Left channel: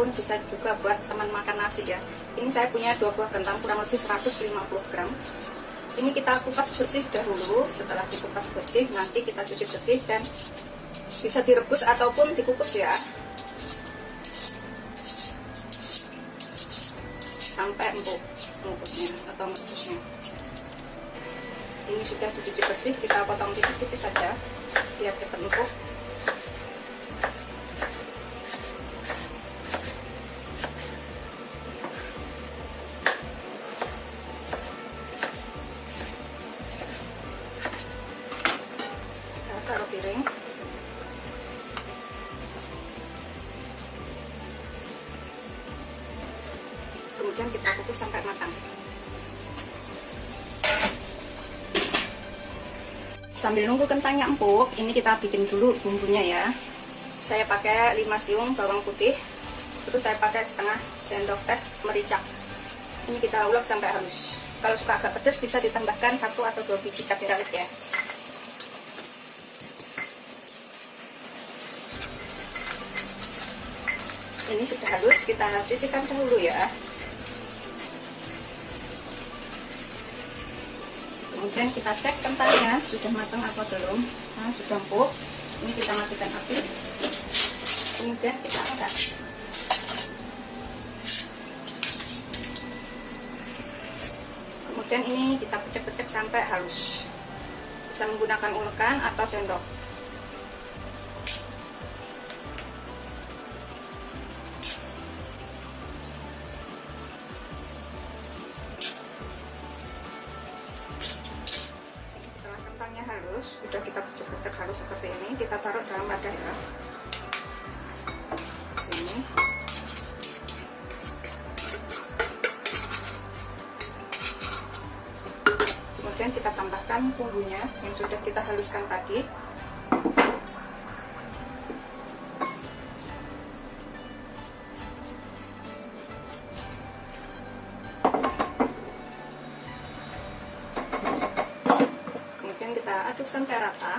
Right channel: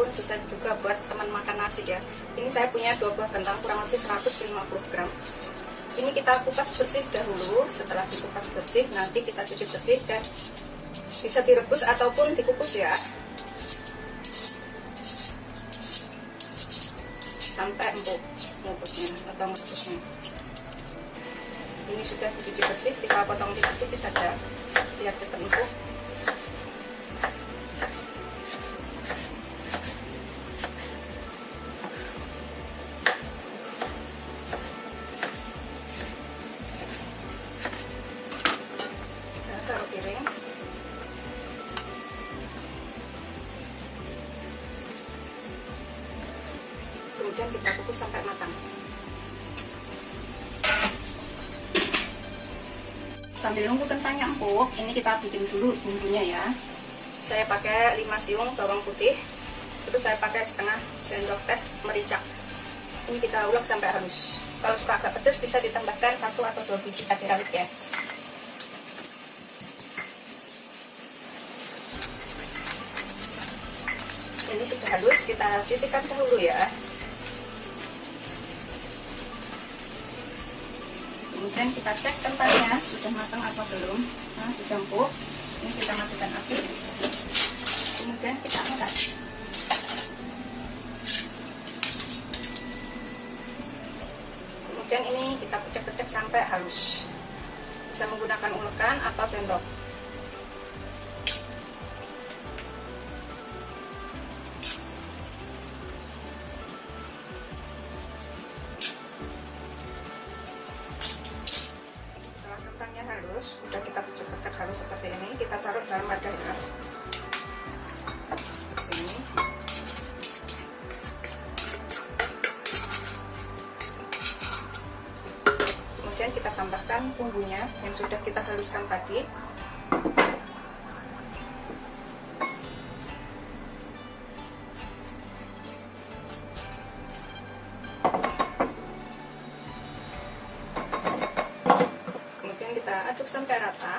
ataupun bisa juga buat teman makan nasi ya. Ini saya punya 2 buah kentang kurang lebih 150 gram. Ini kita kupas bersih dahulu. Setelah dikupas bersih, nanti kita cuci bersih dan bisa direbus ataupun dikukus ya, sampai empuk mengukusnya atau merebusnya. Ini sudah dicuci bersih, kita potong tipis-tipis saja biar cepat empuk. Taruh piring. Kemudian kita kukus sampai matang. Sambil nunggu kentangnya empuk, ini kita bikin dulu bumbunya ya. Saya pakai 5 siung bawang putih, terus saya pakai setengah sendok teh merica. Ini kita ulek sampai halus. Kalau suka agak pedas bisa ditambahkan 1 atau 2 biji cabai rawit ya. Ini sudah halus, kita sisihkan dulu ya. Kemudian kita cek kentangnya sudah matang atau belum. Nah, sudah empuk. Ini kita matikan api. Kemudian kita angkat. Kemudian ini kita pecek-pecek sampai halus. Bisa menggunakan ulekan atau sendok. Sudah kita pecek-pecek halus seperti ini, kita taruh dalam wadah ya. Sini. Kemudian kita tambahkan bumbunya yang sudah kita haluskan tadi. Aduk sampai rata.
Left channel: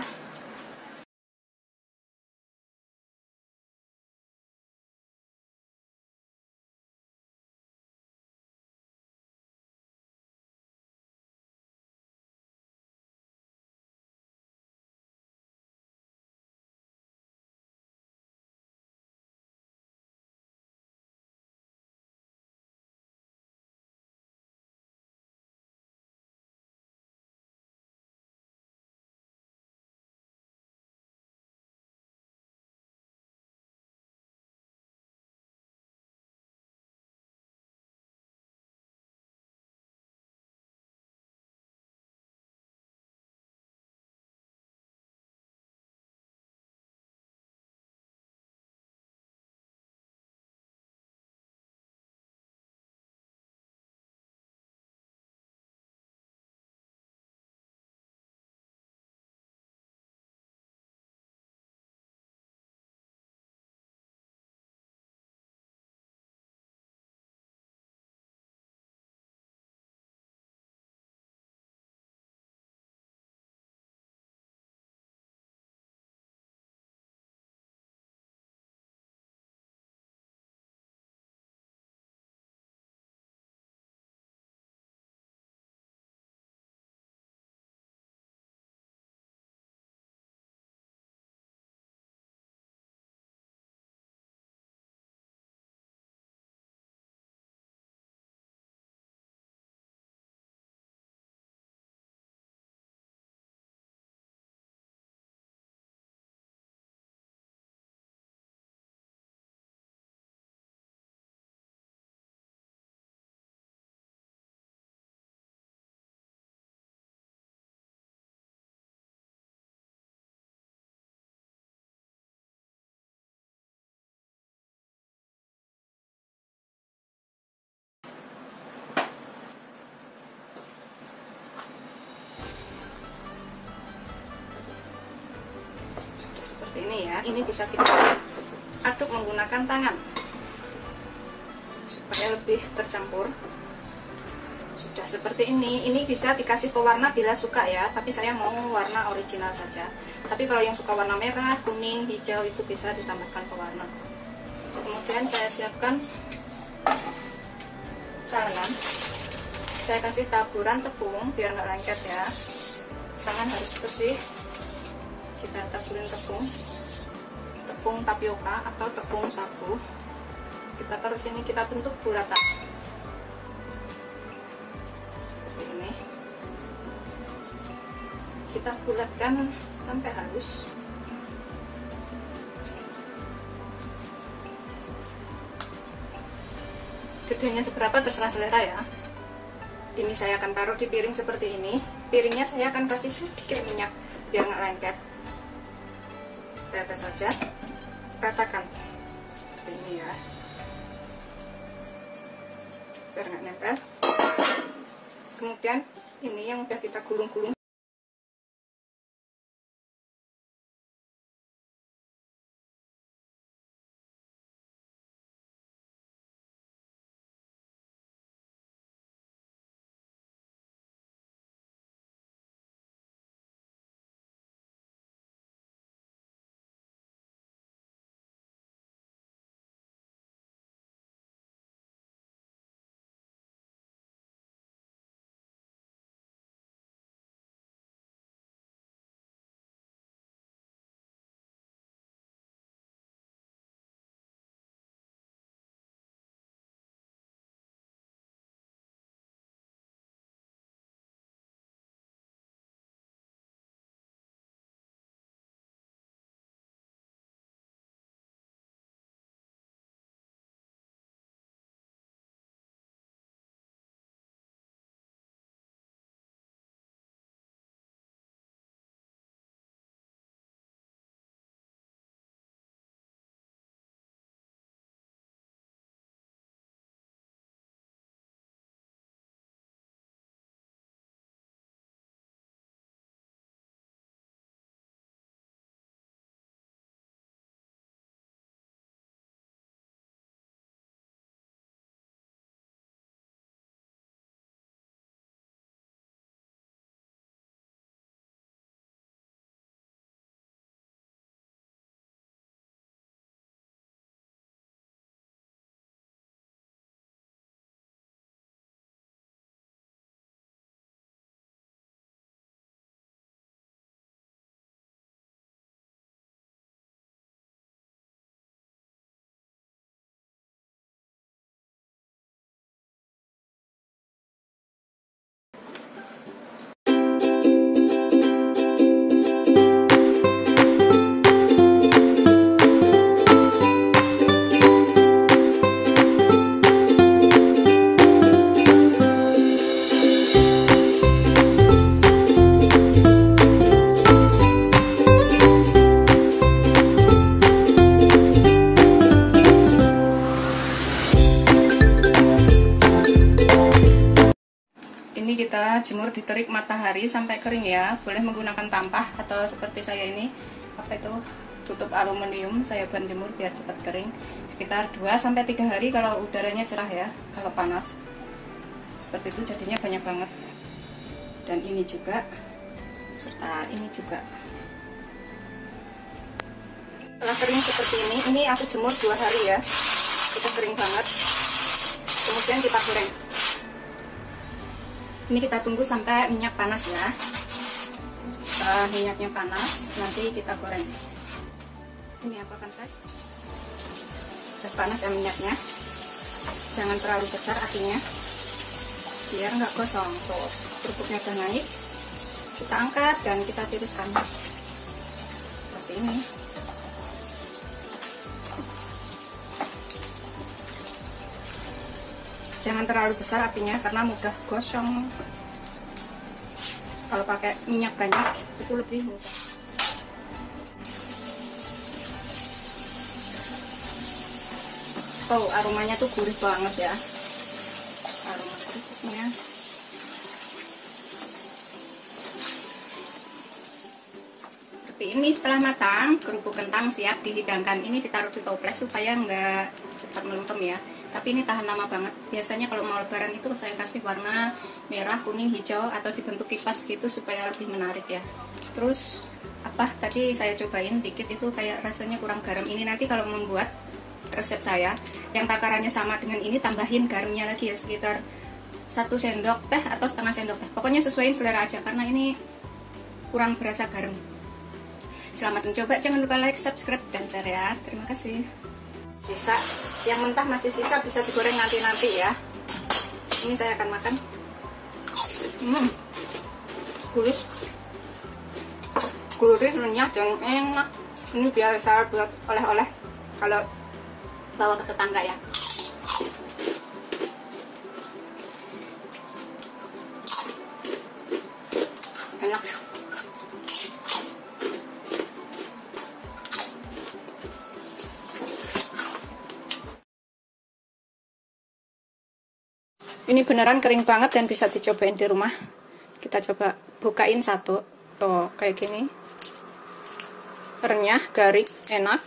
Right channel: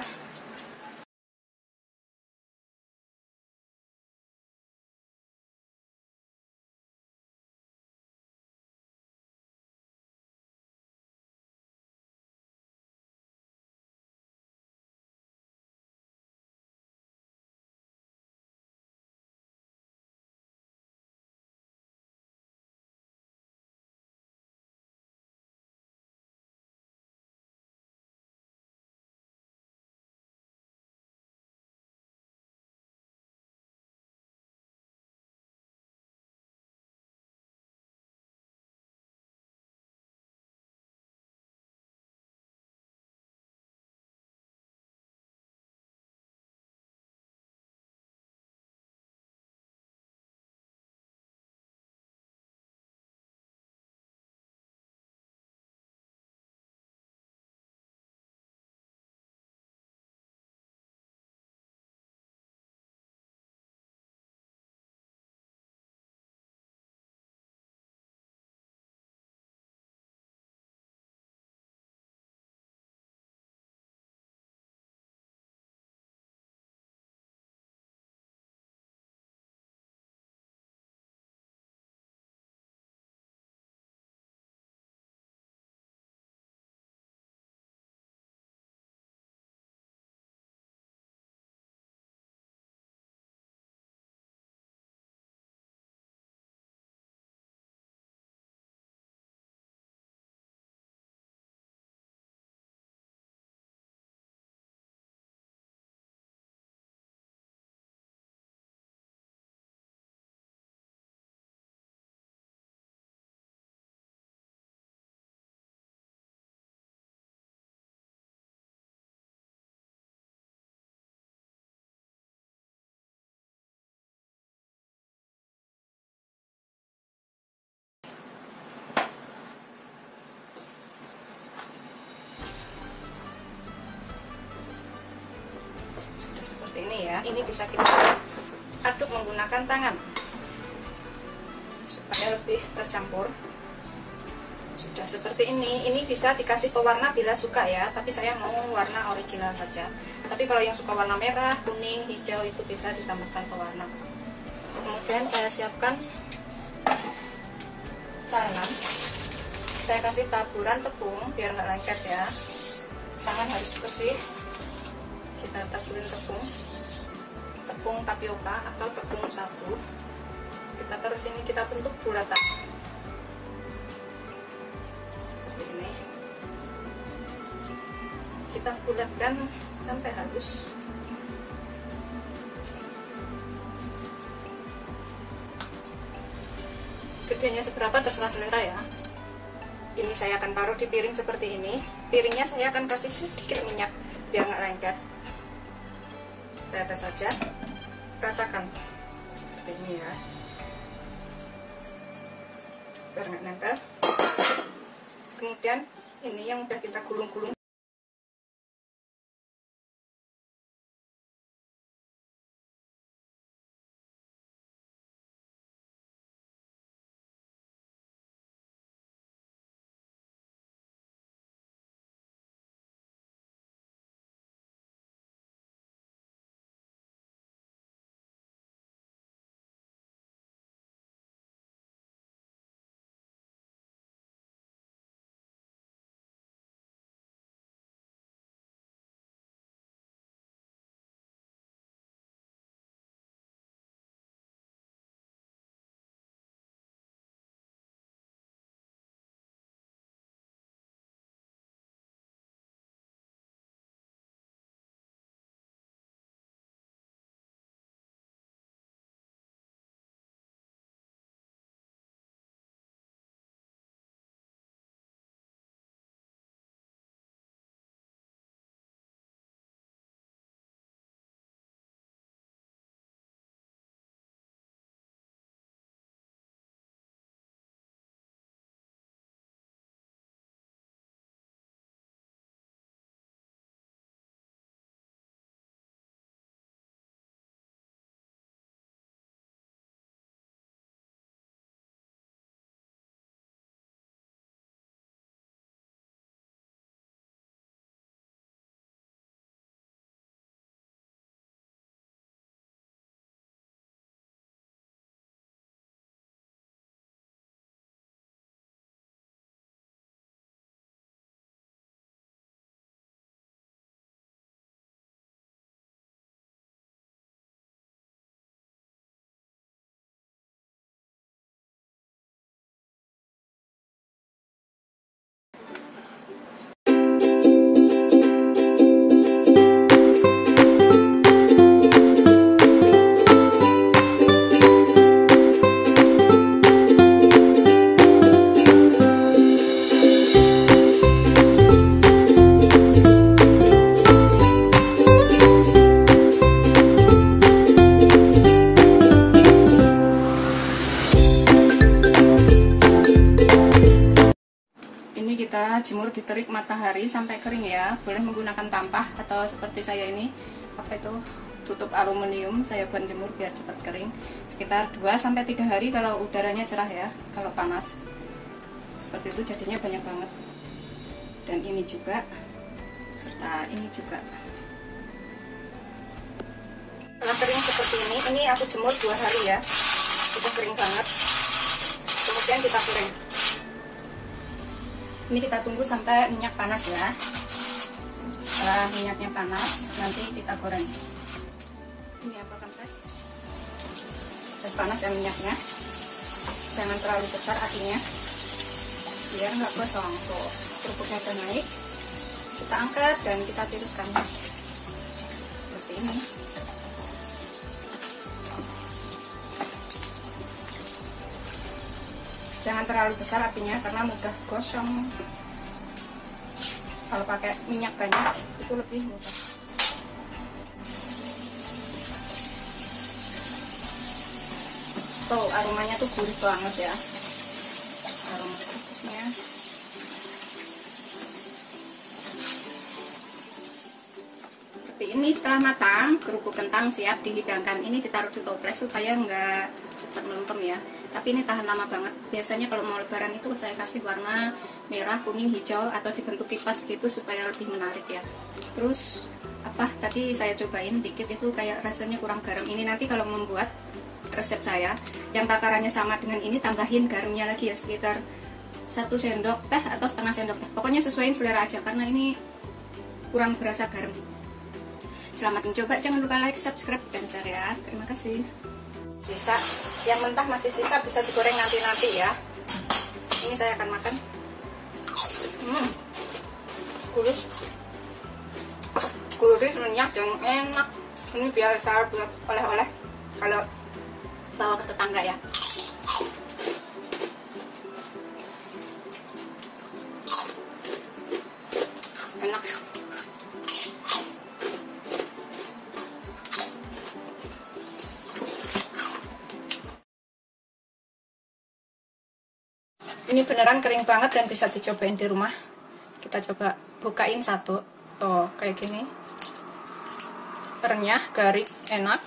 Seperti ini ya. Ini bisa kita aduk menggunakan tangan supaya lebih tercampur. Sudah seperti ini bisa dikasih pewarna bila suka ya, tapi saya mau warna original saja. Tapi kalau yang suka warna merah, kuning, hijau itu bisa ditambahkan pewarna. Kemudian Kemudian saya siapkan tangan. Saya kasih taburan tepung biar nggak lengket ya. Tangan harus bersih. Kita taburin tepung tapioka atau tepung sagu. Kita taruh sini, kita bentuk bulatan seperti ini. Kita bulatkan sampai halus. Gedenya seberapa terserah selera ya. Ini saya akan taruh di piring seperti ini. Piringnya saya akan kasih sedikit minyak biar nggak lengket. Rata saja, ratakan seperti ini ya, biar nggak nempel. Kemudian ini yang udah kita gulung-gulung. Kita jemur di terik matahari sampai kering ya. Boleh menggunakan tampah atau seperti saya ini, apa itu, tutup aluminium. Saya ban jemur biar cepat kering. Sekitar 2-3 hari kalau udaranya cerah ya. Kalau panas seperti itu jadinya banyak banget. Dan ini juga, serta ini juga. Setelah kering seperti ini aku jemur 2 hari ya. Itu kering banget. Kemudian kita goreng. Ini kita tunggu sampai minyak panas ya. Setelah minyaknya panas, nanti kita goreng. Ini aku akan tes. Sudah panas ya minyaknya. Jangan terlalu besar apinya, biar nggak gosong. Tuh, kerupuknya udah naik. Kita angkat dan kita tiriskan seperti ini. Jangan terlalu besar apinya karena mudah gosong. Kalau pakai minyak banyak itu lebih mudah. Tuh aromanya tuh gurih banget ya. Aroma kerupuknya. Seperti ini setelah matang, kerupuk kentang siap dihidangkan. Ini ditaruh di toples supaya nggak cepat melempem ya. Tapi ini tahan lama banget. Biasanya kalau mau lebaran itu saya kasih warna merah, kuning, hijau atau dibentuk kipas gitu supaya lebih menarik ya. Terus apa tadi saya cobain dikit itu kayak rasanya kurang garam. Ini nanti kalau membuat resep saya. Yang takarannya sama dengan ini, tambahin garamnya lagi ya, sekitar 1 sendok teh atau setengah sendok teh. Pokoknya sesuai selera aja, karena ini kurang berasa garam. Selamat mencoba, jangan lupa like, subscribe, dan share ya. Terima kasih. Sisa, yang mentah masih sisa bisa digoreng nanti-nanti ya. Ini saya akan makan. Gurih, renyah, dan enak. Ini biasa buat oleh-oleh kalau bawa ke tetangga ya. Enak. Ini beneran kering banget dan bisa dicobain di rumah. Kita coba bukain satu. Tuh, kayak gini. Renyah, garing, enak,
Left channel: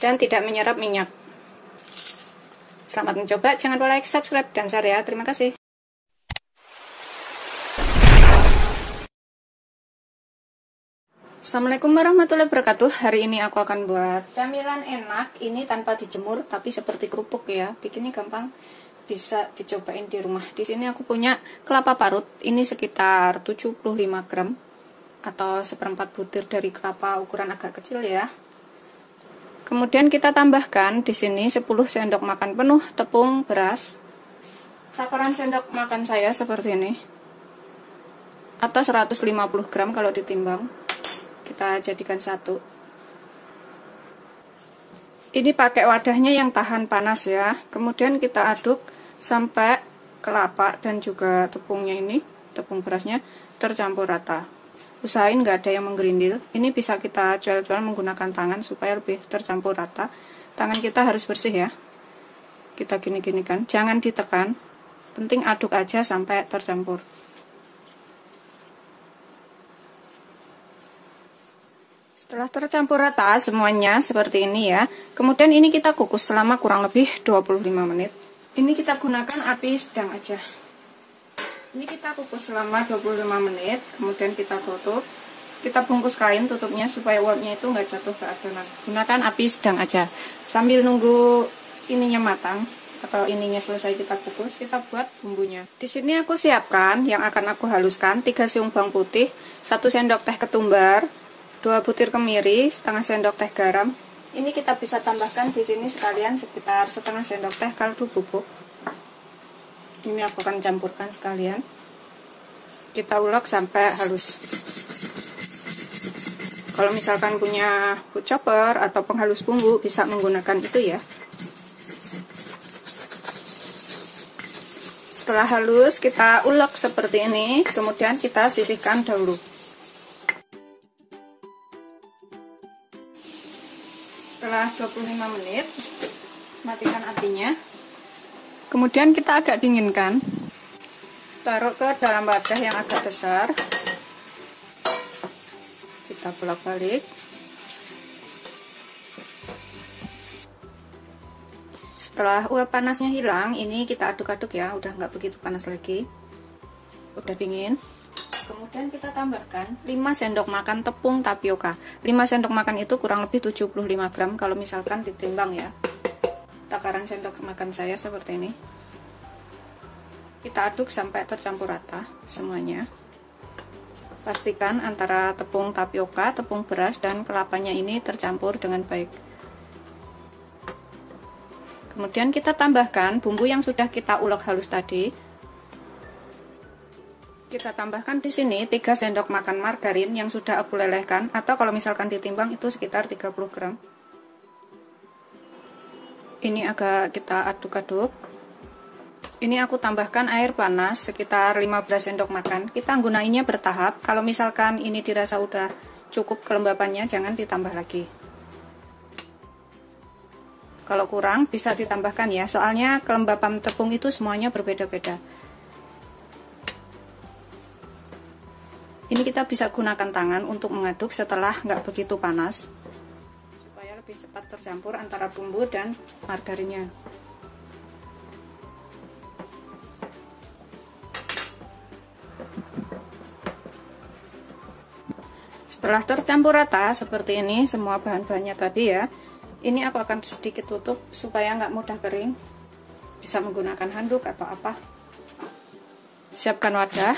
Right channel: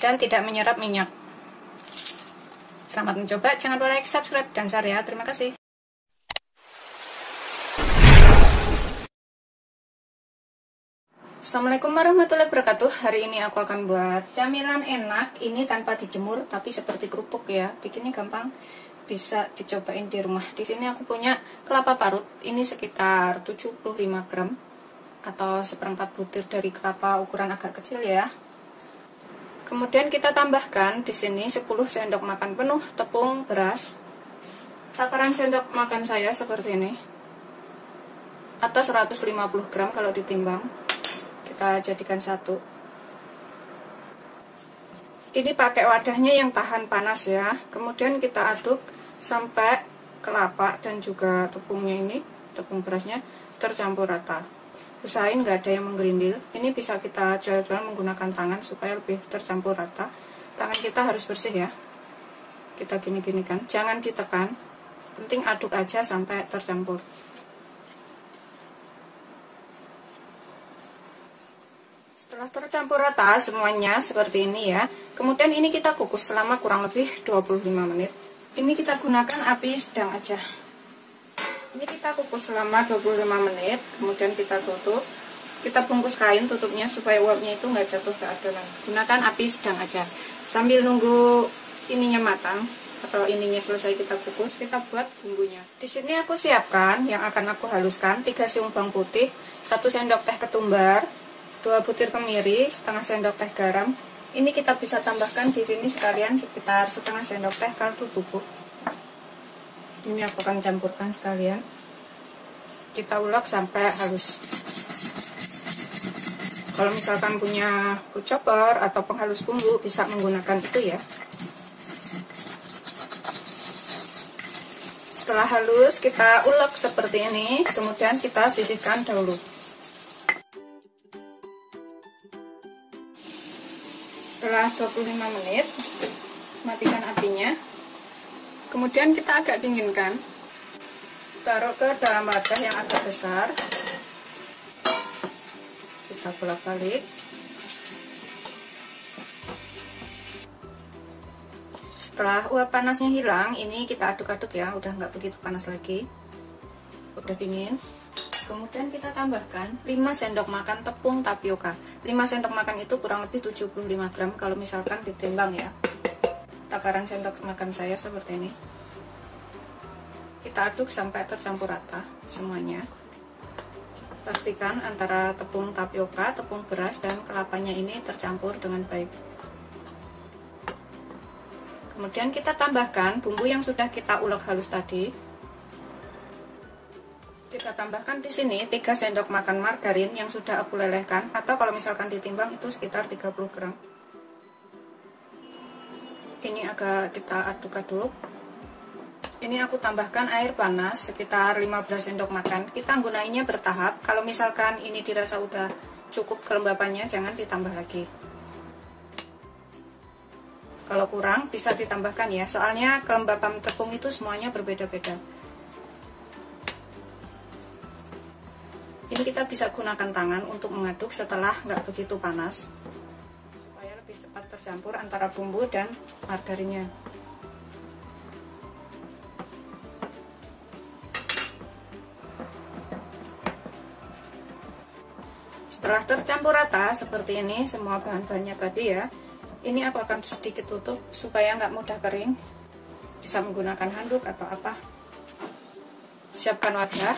dan tidak menyerap minyak. Selamat mencoba, jangan lupa like, subscribe, dan share ya. Terima kasih. Assalamualaikum warahmatullahi wabarakatuh. Hari ini aku akan buat camilan enak. Ini tanpa dijemur, tapi seperti kerupuk ya. Bikinnya gampang. Bisa dicobain di rumah. Di sini aku punya kelapa parut. Ini sekitar 75 gram atau seperempat butir dari kelapa ukuran agak kecil ya. Kemudian kita tambahkan di sini 10 sendok makan penuh tepung beras. Takaran sendok makan saya seperti ini. Atau 150 gram kalau ditimbang. Kita jadikan satu. Ini pakai wadahnya yang tahan panas ya. Kemudian kita aduk sampai kelapa dan juga tepungnya ini, tepung berasnya tercampur rata. Usahain nggak ada yang menggerindil. Ini bisa kita jual-jual menggunakan tangan supaya lebih tercampur rata. Tangan kita harus bersih ya. Kita gini-ginikan, jangan ditekan. Penting aduk aja sampai tercampur. Setelah tercampur rata semuanya seperti ini ya. Kemudian ini kita kukus selama kurang lebih 25 menit. Ini kita gunakan api sedang aja. Ini kita kukus selama 25 menit, kemudian kita tutup. Kita bungkus kain tutupnya supaya uapnya itu nggak jatuh ke adonan. Gunakan api sedang aja. Sambil nunggu ininya matang atau ininya selesai kita kukus, kita buat bumbunya. Di sini aku siapkan yang akan aku haluskan 3 siung bawang putih, 1 sendok teh ketumbar, 2 butir kemiri, setengah sendok teh garam. Ini kita bisa tambahkan di sini sekalian sekitar setengah sendok teh kaldu bubuk. Ini aku akan campurkan sekalian. Kita ulek sampai halus. Kalau misalkan punya food chopper atau penghalus bumbu bisa menggunakan itu ya. Setelah halus kita ulek seperti ini, kemudian kita sisihkan dahulu. Setelah 25 menit, matikan apinya. Kemudian kita agak dinginkan. Taruh ke dalam wadah yang agak besar. Kita bolak-balik. Setelah uap panasnya hilang, ini kita aduk-aduk ya, udah nggak begitu panas lagi. Udah dingin. Kemudian kita tambahkan 5 sendok makan tepung tapioka. 5 sendok makan itu kurang lebih 75 gram kalau misalkan ditimbang ya. Takaran sendok makan saya seperti ini. Kita aduk sampai tercampur rata semuanya. Pastikan antara tepung tapioka, tepung beras, dan kelapanya ini tercampur dengan baik. Kemudian kita tambahkan bumbu yang sudah kita ulek halus tadi. Kita tambahkan di sini 3 sendok makan margarin yang sudah aku lelehkan, atau kalau misalkan ditimbang itu sekitar 30 gram. Ini agak kita aduk-aduk. Ini aku tambahkan air panas sekitar 15 sendok makan. Kita gunainnya bertahap. Kalau misalkan ini dirasa udah cukup kelembapannya, jangan ditambah lagi. Kalau kurang bisa ditambahkan ya, soalnya kelembapan tepung itu semuanya berbeda-beda. Ini kita bisa gunakan tangan untuk mengaduk setelah nggak begitu panas, supaya lebih cepat tercampur antara bumbu dan margarinnya. Setelah tercampur rata seperti ini semua bahan-bahannya tadi ya, Ini aku akan sedikit tutup supaya nggak mudah kering, bisa menggunakan handuk atau apa. Siapkan wadah,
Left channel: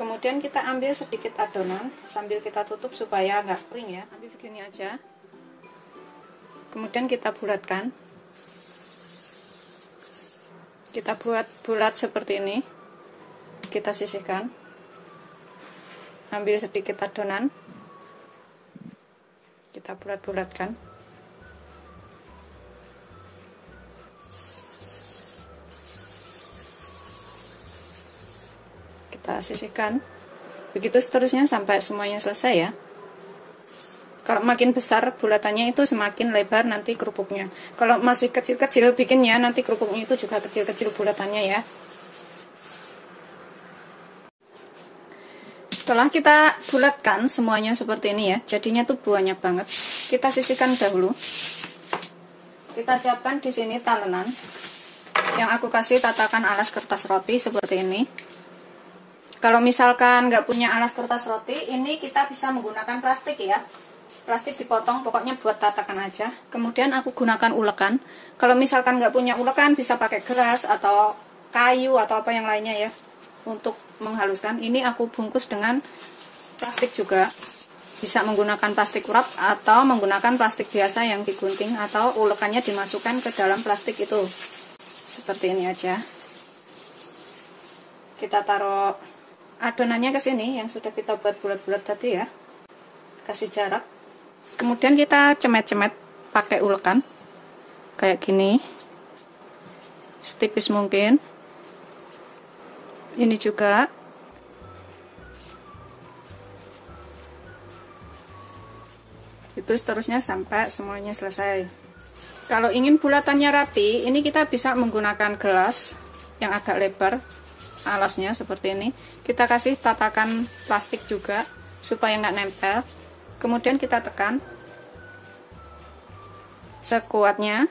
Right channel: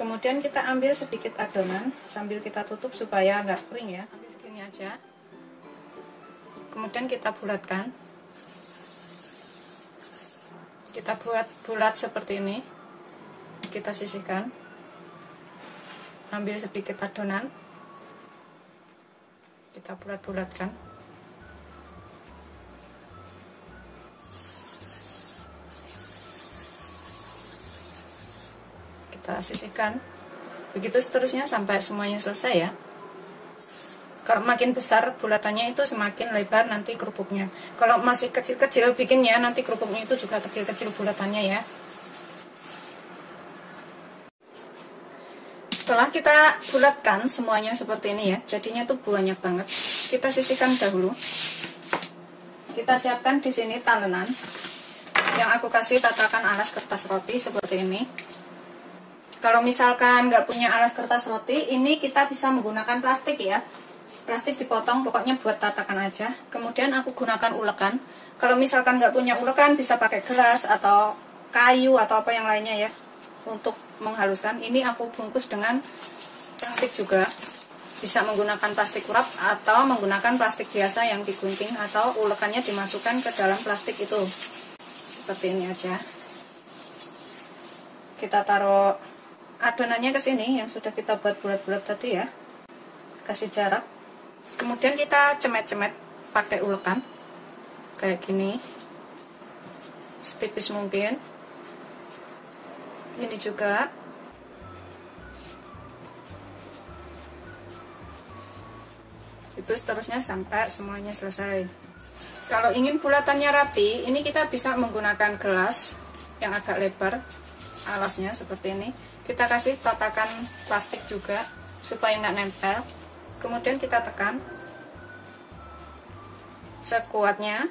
kemudian kita ambil sedikit adonan sambil kita tutup supaya nggak kering ya. Ambil segini aja, kemudian kita bulatkan. Kita buat bulat seperti ini, kita sisihkan. Ambil sedikit adonan, kita bulat-bulatkan. Kita sisihkan. Begitu seterusnya sampai semuanya selesai ya. Kalau makin besar bulatannya itu semakin lebar nanti kerupuknya. Kalau masih kecil-kecil bikinnya, nanti kerupuknya itu juga kecil-kecil bulatannya ya. Setelah kita bulatkan semuanya seperti ini ya, jadinya tuh banyak banget. Kita sisihkan dahulu. Kita siapkan di sini talenan. Yang aku kasih tatakan alas kertas roti seperti ini. Kalau misalkan nggak punya alas kertas roti, ini kita bisa menggunakan plastik ya. Plastik dipotong, pokoknya buat tatakan aja. Kemudian aku gunakan ulekan. Kalau misalkan nggak punya ulekan, bisa pakai gelas atau kayu atau apa yang lainnya ya, untuk menghaluskan. Ini aku bungkus dengan plastik juga. Bisa menggunakan plastik wrap atau menggunakan plastik biasa yang digunting, atau ulekannya dimasukkan ke dalam plastik itu. Seperti ini aja. Kita taruh adonannya ke sini yang sudah kita buat bulat-bulat tadi ya. Kasih jarak. Kemudian kita cemet-cemet pakai ulekan kayak gini, setipis mungkin. Ini juga. Itu seterusnya sampai semuanya selesai. Kalau ingin bulatannya rapi, ini kita bisa menggunakan gelas yang agak lebar alasnya seperti ini. Kita kasih tatakan plastik juga supaya nggak nempel. Kemudian kita tekan sekuatnya.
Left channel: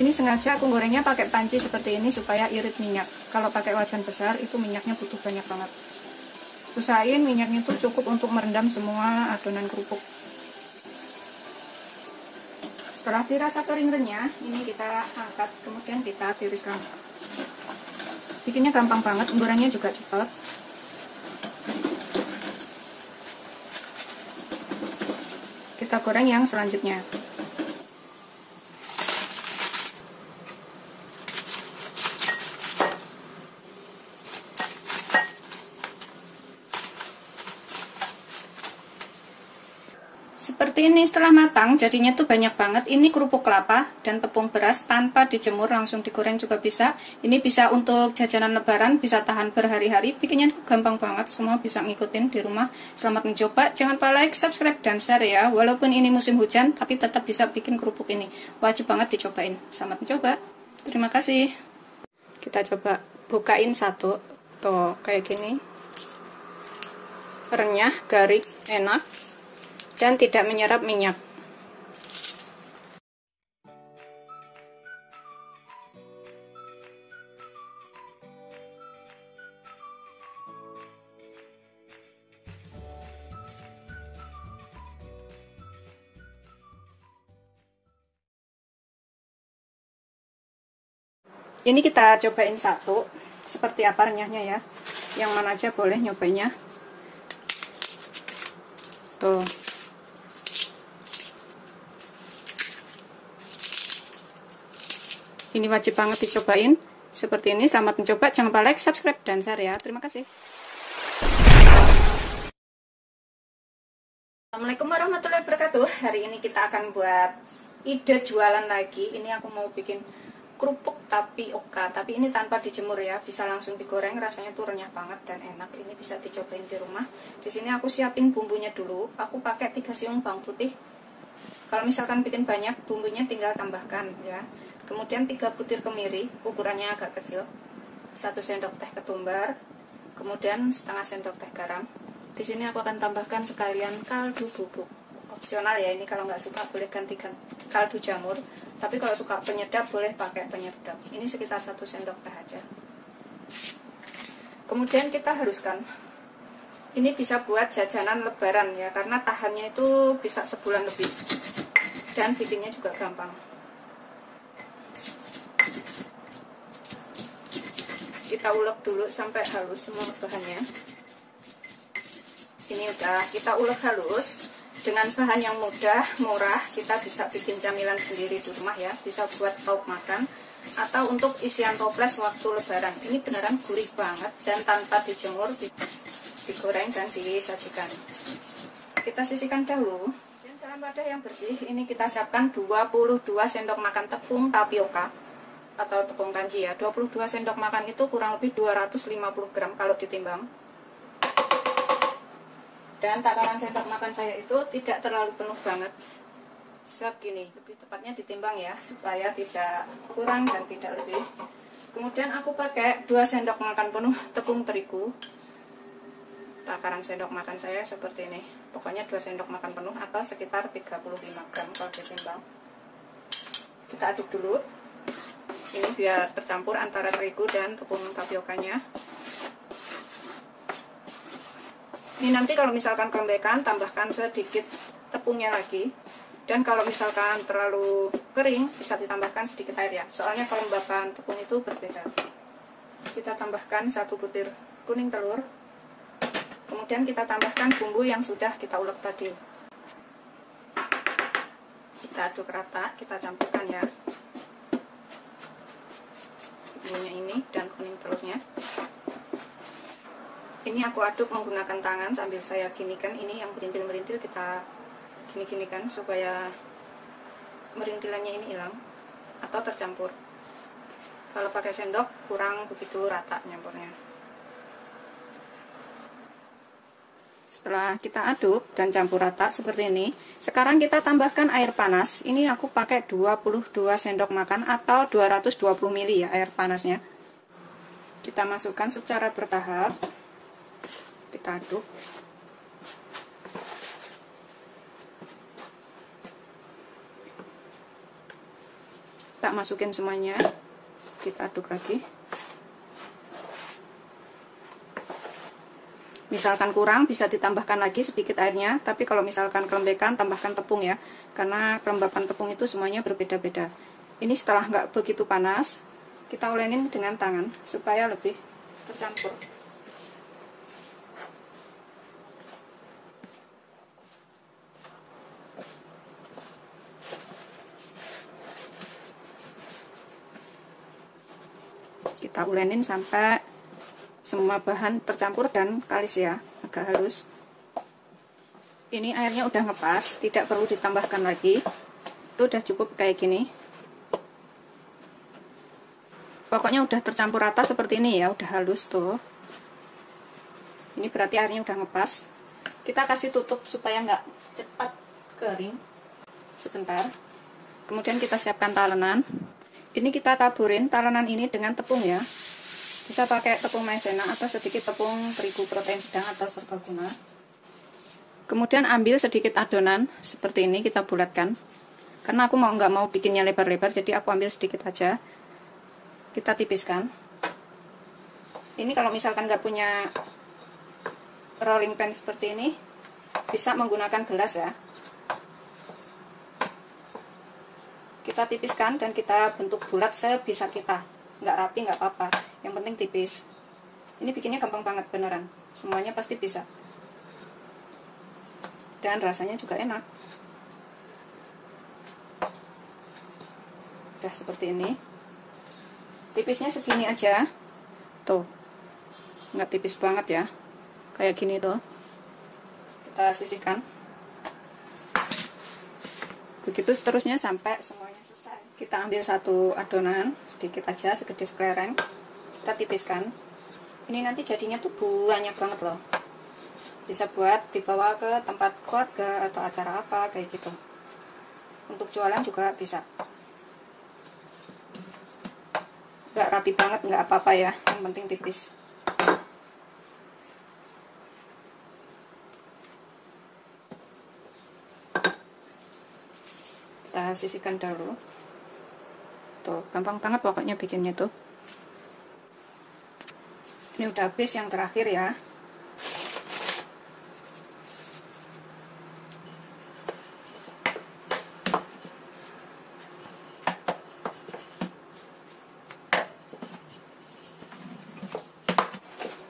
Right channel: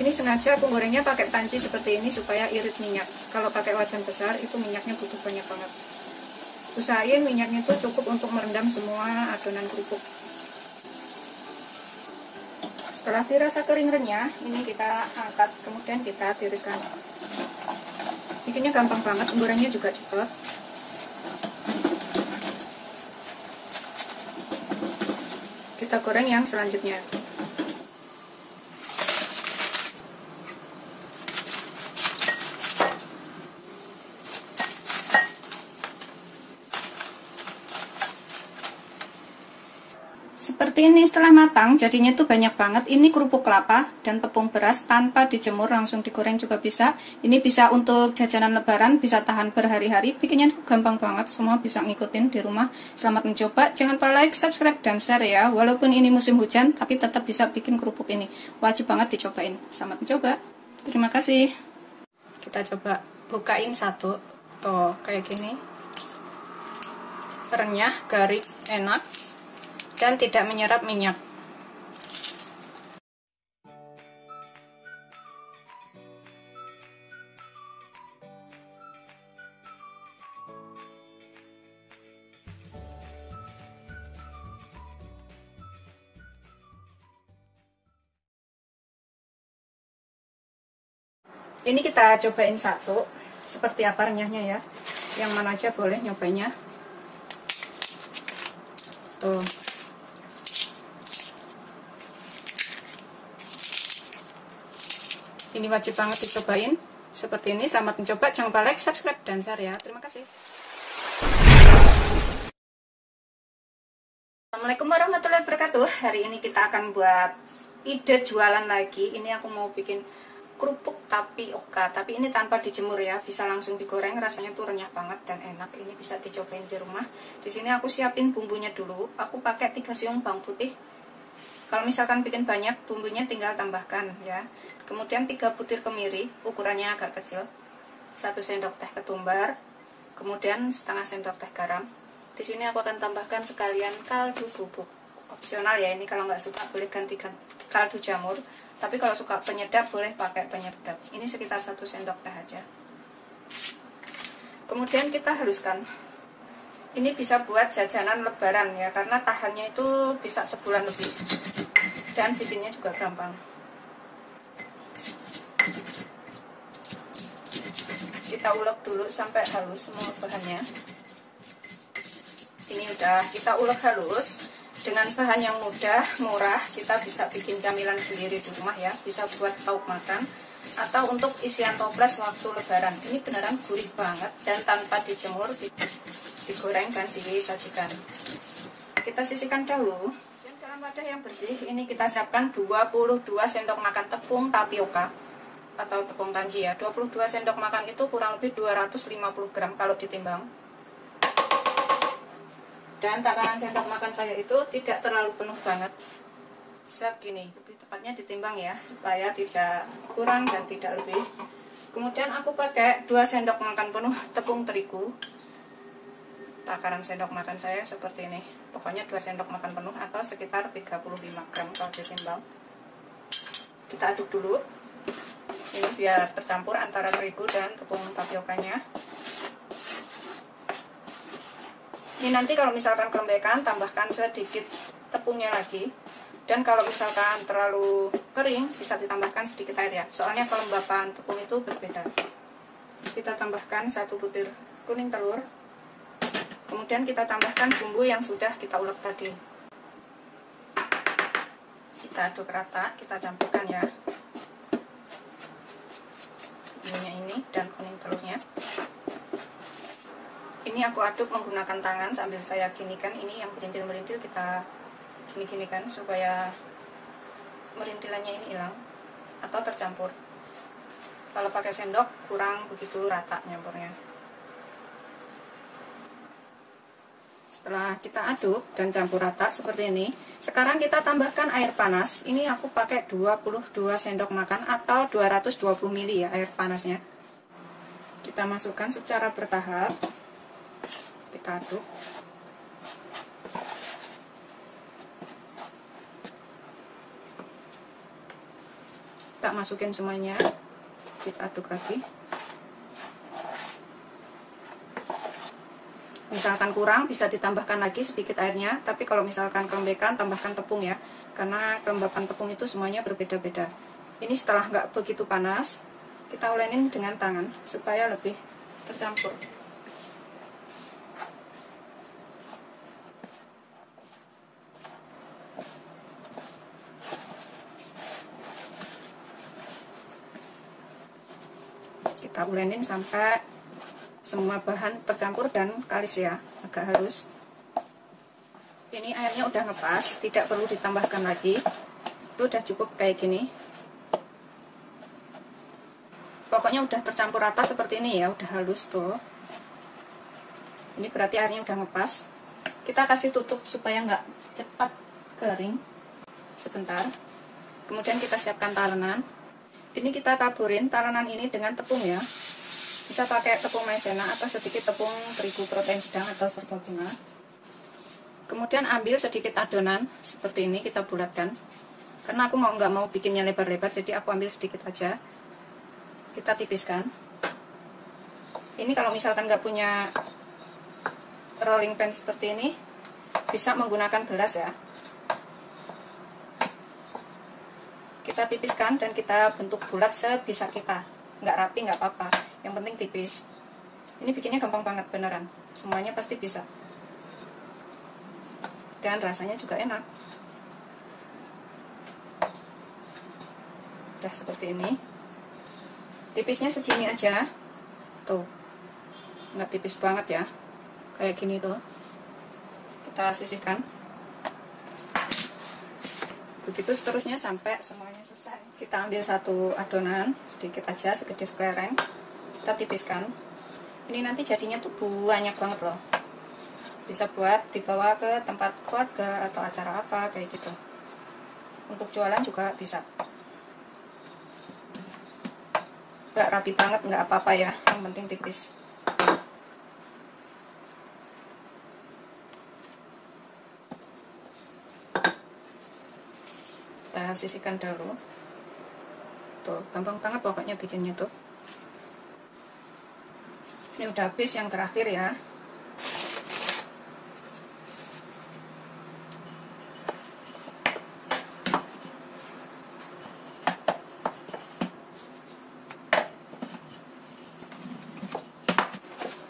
Ini sengaja aku gorengnya pakai panci seperti ini supaya irit minyak. Kalau pakai wajan besar itu minyaknya butuh banyak banget. Usahain minyaknya itu cukup untuk merendam semua adonan kerupuk. Setelah dirasa kering renyah, ini kita angkat, kemudian kita tiriskan. Bikinnya gampang banget, gorengnya juga cepat. Kita goreng yang selanjutnya. Seperti ini setelah matang, jadinya tuh banyak banget. Ini kerupuk kelapa dan tepung beras tanpa dijemur, langsung digoreng juga bisa. Ini bisa untuk jajanan lebaran, bisa tahan berhari-hari. Bikinnya tuh gampang banget, semua bisa ngikutin di rumah. Selamat mencoba, jangan lupa like, subscribe, dan share ya. Walaupun ini musim hujan, tapi tetap bisa bikin kerupuk ini. Wajib banget dicobain. Selamat mencoba. Terima kasih. Kita coba bukain satu. Tuh, kayak gini. Renyah, garing, enak. Dan tidak menyerap minyak. Ini kita cobain satu, seperti apa renyahnya ya. Yang mana aja boleh nyobainnya. Tuh. Ini wajib banget dicobain. Seperti ini, selamat mencoba. Jangan lupa like, subscribe, dan share ya. Terima kasih. Assalamualaikum warahmatullahi wabarakatuh. Hari ini kita akan buat ide jualan lagi. Ini aku mau bikin kerupuk tapioka, tapi ini tanpa dijemur ya. Bisa langsung digoreng, rasanya tuh renyah banget dan enak. Ini bisa dicobain di rumah. Di sini aku siapin bumbunya dulu. Aku pakai 3 siung bawang putih. Kalau misalkan bikin banyak, bumbunya tinggal tambahkan ya. Kemudian 3 butir kemiri, ukurannya agak kecil. 1 sendok teh ketumbar. Kemudian setengah sendok teh garam. Di sini aku akan tambahkan sekalian kaldu bubuk. Opsional ya, ini kalau nggak suka boleh ganti kaldu jamur. Tapi kalau suka penyedap boleh pakai penyedap. Ini sekitar 1 sendok teh aja. Kemudian kita haluskan. Ini bisa buat jajanan lebaran ya, karena tahannya itu bisa sebulan lebih. Dan bikinnya juga gampang. Kita ulek dulu sampai halus semua bahannya. Ini udah kita ulek halus. Dengan bahan yang mudah, murah, kita bisa bikin camilan sendiri di rumah ya. Bisa buat lauk makan atau untuk isian toples waktu lebaran. Ini beneran gurih banget dan tanpa dijemur, digoreng dan disajikan. Kita sisihkan dahulu. Dan dalam wadah yang bersih, ini kita siapkan 22 sendok makan tepung tapioka atau tepung kanji ya. 22 sendok makan itu kurang lebih 250 gram kalau ditimbang. Dan takaran sendok makan saya itu tidak terlalu penuh banget, segini, lebih tepatnya ditimbang ya, supaya tidak kurang dan tidak lebih. Kemudian aku pakai 2 sendok makan penuh tepung terigu. Takaran sendok makan saya seperti ini, pokoknya 2 sendok makan penuh atau sekitar 35 gram kalau ditimbang. Kita aduk dulu, ini biar tercampur antara terigu dan tepung tapiokanya. Ini nanti kalau misalkan kelembekan, tambahkan sedikit tepungnya lagi. Dan kalau misalkan terlalu kering, bisa ditambahkan sedikit air ya. Soalnya kelembapan tepung itu berbeda. Kita tambahkan 1 butir kuning telur. Kemudian kita tambahkan bumbu yang sudah kita ulek tadi. Kita aduk rata, kita campurkan ya. Bumbunya ini dan kuning telurnya. Ini aku aduk menggunakan tangan sambil saya ginikan. Ini yang merintil-merintil kita gini-ginikan supaya merintilannya ini hilang atau tercampur. Kalau pakai sendok kurang begitu rata nyampurnya. Setelah kita aduk dan campur rata seperti ini, sekarang kita tambahkan air panas. Ini aku pakai 22 sendok makan atau 220 ml ya air panasnya. Kita masukkan secara bertahap. Kita aduk. Tak masukin semuanya, kita aduk lagi. Misalkan kurang bisa ditambahkan lagi sedikit airnya, tapi kalau misalkan kelembekan tambahkan tepung ya, karena kelembapan tepung itu semuanya berbeda-beda. Ini setelah nggak begitu panas, kita ulenin dengan tangan supaya lebih tercampur. Kita ulenin sampai semua bahan tercampur dan kalis ya, agak halus. Ini airnya udah ngepas, tidak perlu ditambahkan lagi. Itu udah cukup kayak gini. Pokoknya udah tercampur rata seperti ini ya, udah halus tuh. Ini berarti airnya udah ngepas. Kita kasih tutup supaya nggak cepat kering. Sebentar. Kemudian kita siapkan talenan. Ini kita taburin talenan ini dengan tepung ya. Bisa pakai tepung maizena atau sedikit tepung terigu protein sedang atau serbaguna. Kemudian ambil sedikit adonan seperti ini, kita bulatkan. Karena aku nggak mau bikinnya lebar-lebar, jadi aku ambil sedikit aja. Kita tipiskan. Ini kalau misalkan nggak punya rolling pin seperti ini, bisa menggunakan gelas ya. Kita tipiskan dan kita bentuk bulat sebisa kita. Nggak rapi nggak apa-apa, yang penting tipis. Ini bikinnya gampang banget beneran, semuanya pasti bisa. Dan rasanya juga enak. Udah seperti ini. Tipisnya segini aja. Tuh. Nggak tipis banget ya. Kayak gini tuh. Kita sisihkan. Begitu seterusnya sampai semuanya selesai. Kita ambil satu adonan, sedikit aja, segede kelereng. Kita tipiskan. Ini nanti jadinya tuh banyak banget loh. Bisa buat dibawa ke tempat keluarga atau acara apa kayak gitu. Untuk jualan juga bisa. Nggak rapi banget, nggak apa-apa ya, yang penting tipis. Kita sisihkan dulu. Tuh, gampang banget pokoknya bikinnya tuh. Ini udah habis yang terakhir ya.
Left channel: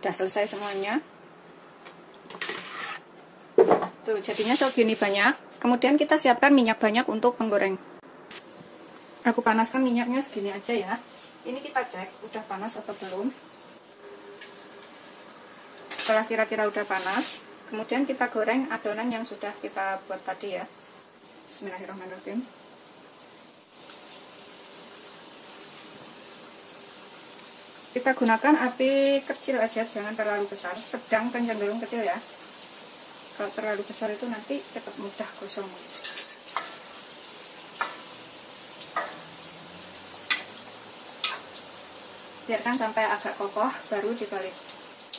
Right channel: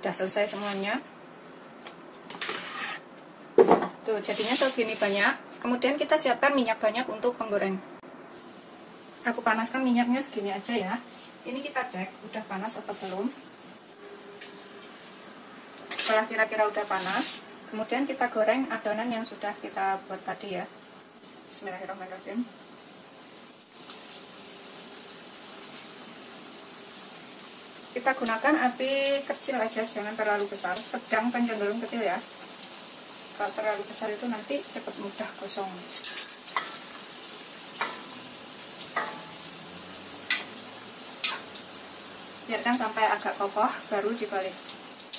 Udah selesai semuanya. Tuh jadinya segini banyak. Kemudian kita siapkan minyak banyak untuk menggoreng. Aku panaskan minyaknya segini aja ya. Ini kita cek udah panas atau belum. Setelah kira-kira udah panas, kemudian kita goreng adonan yang sudah kita buat tadi ya. Bismillahirrahmanirrahim. Kita gunakan api kecil aja, jangan terlalu besar, sedang dan cenderung kecil ya. Kalau terlalu besar itu nanti cepat mudah gosong. Biarkan sampai agak kokoh, baru dibalik.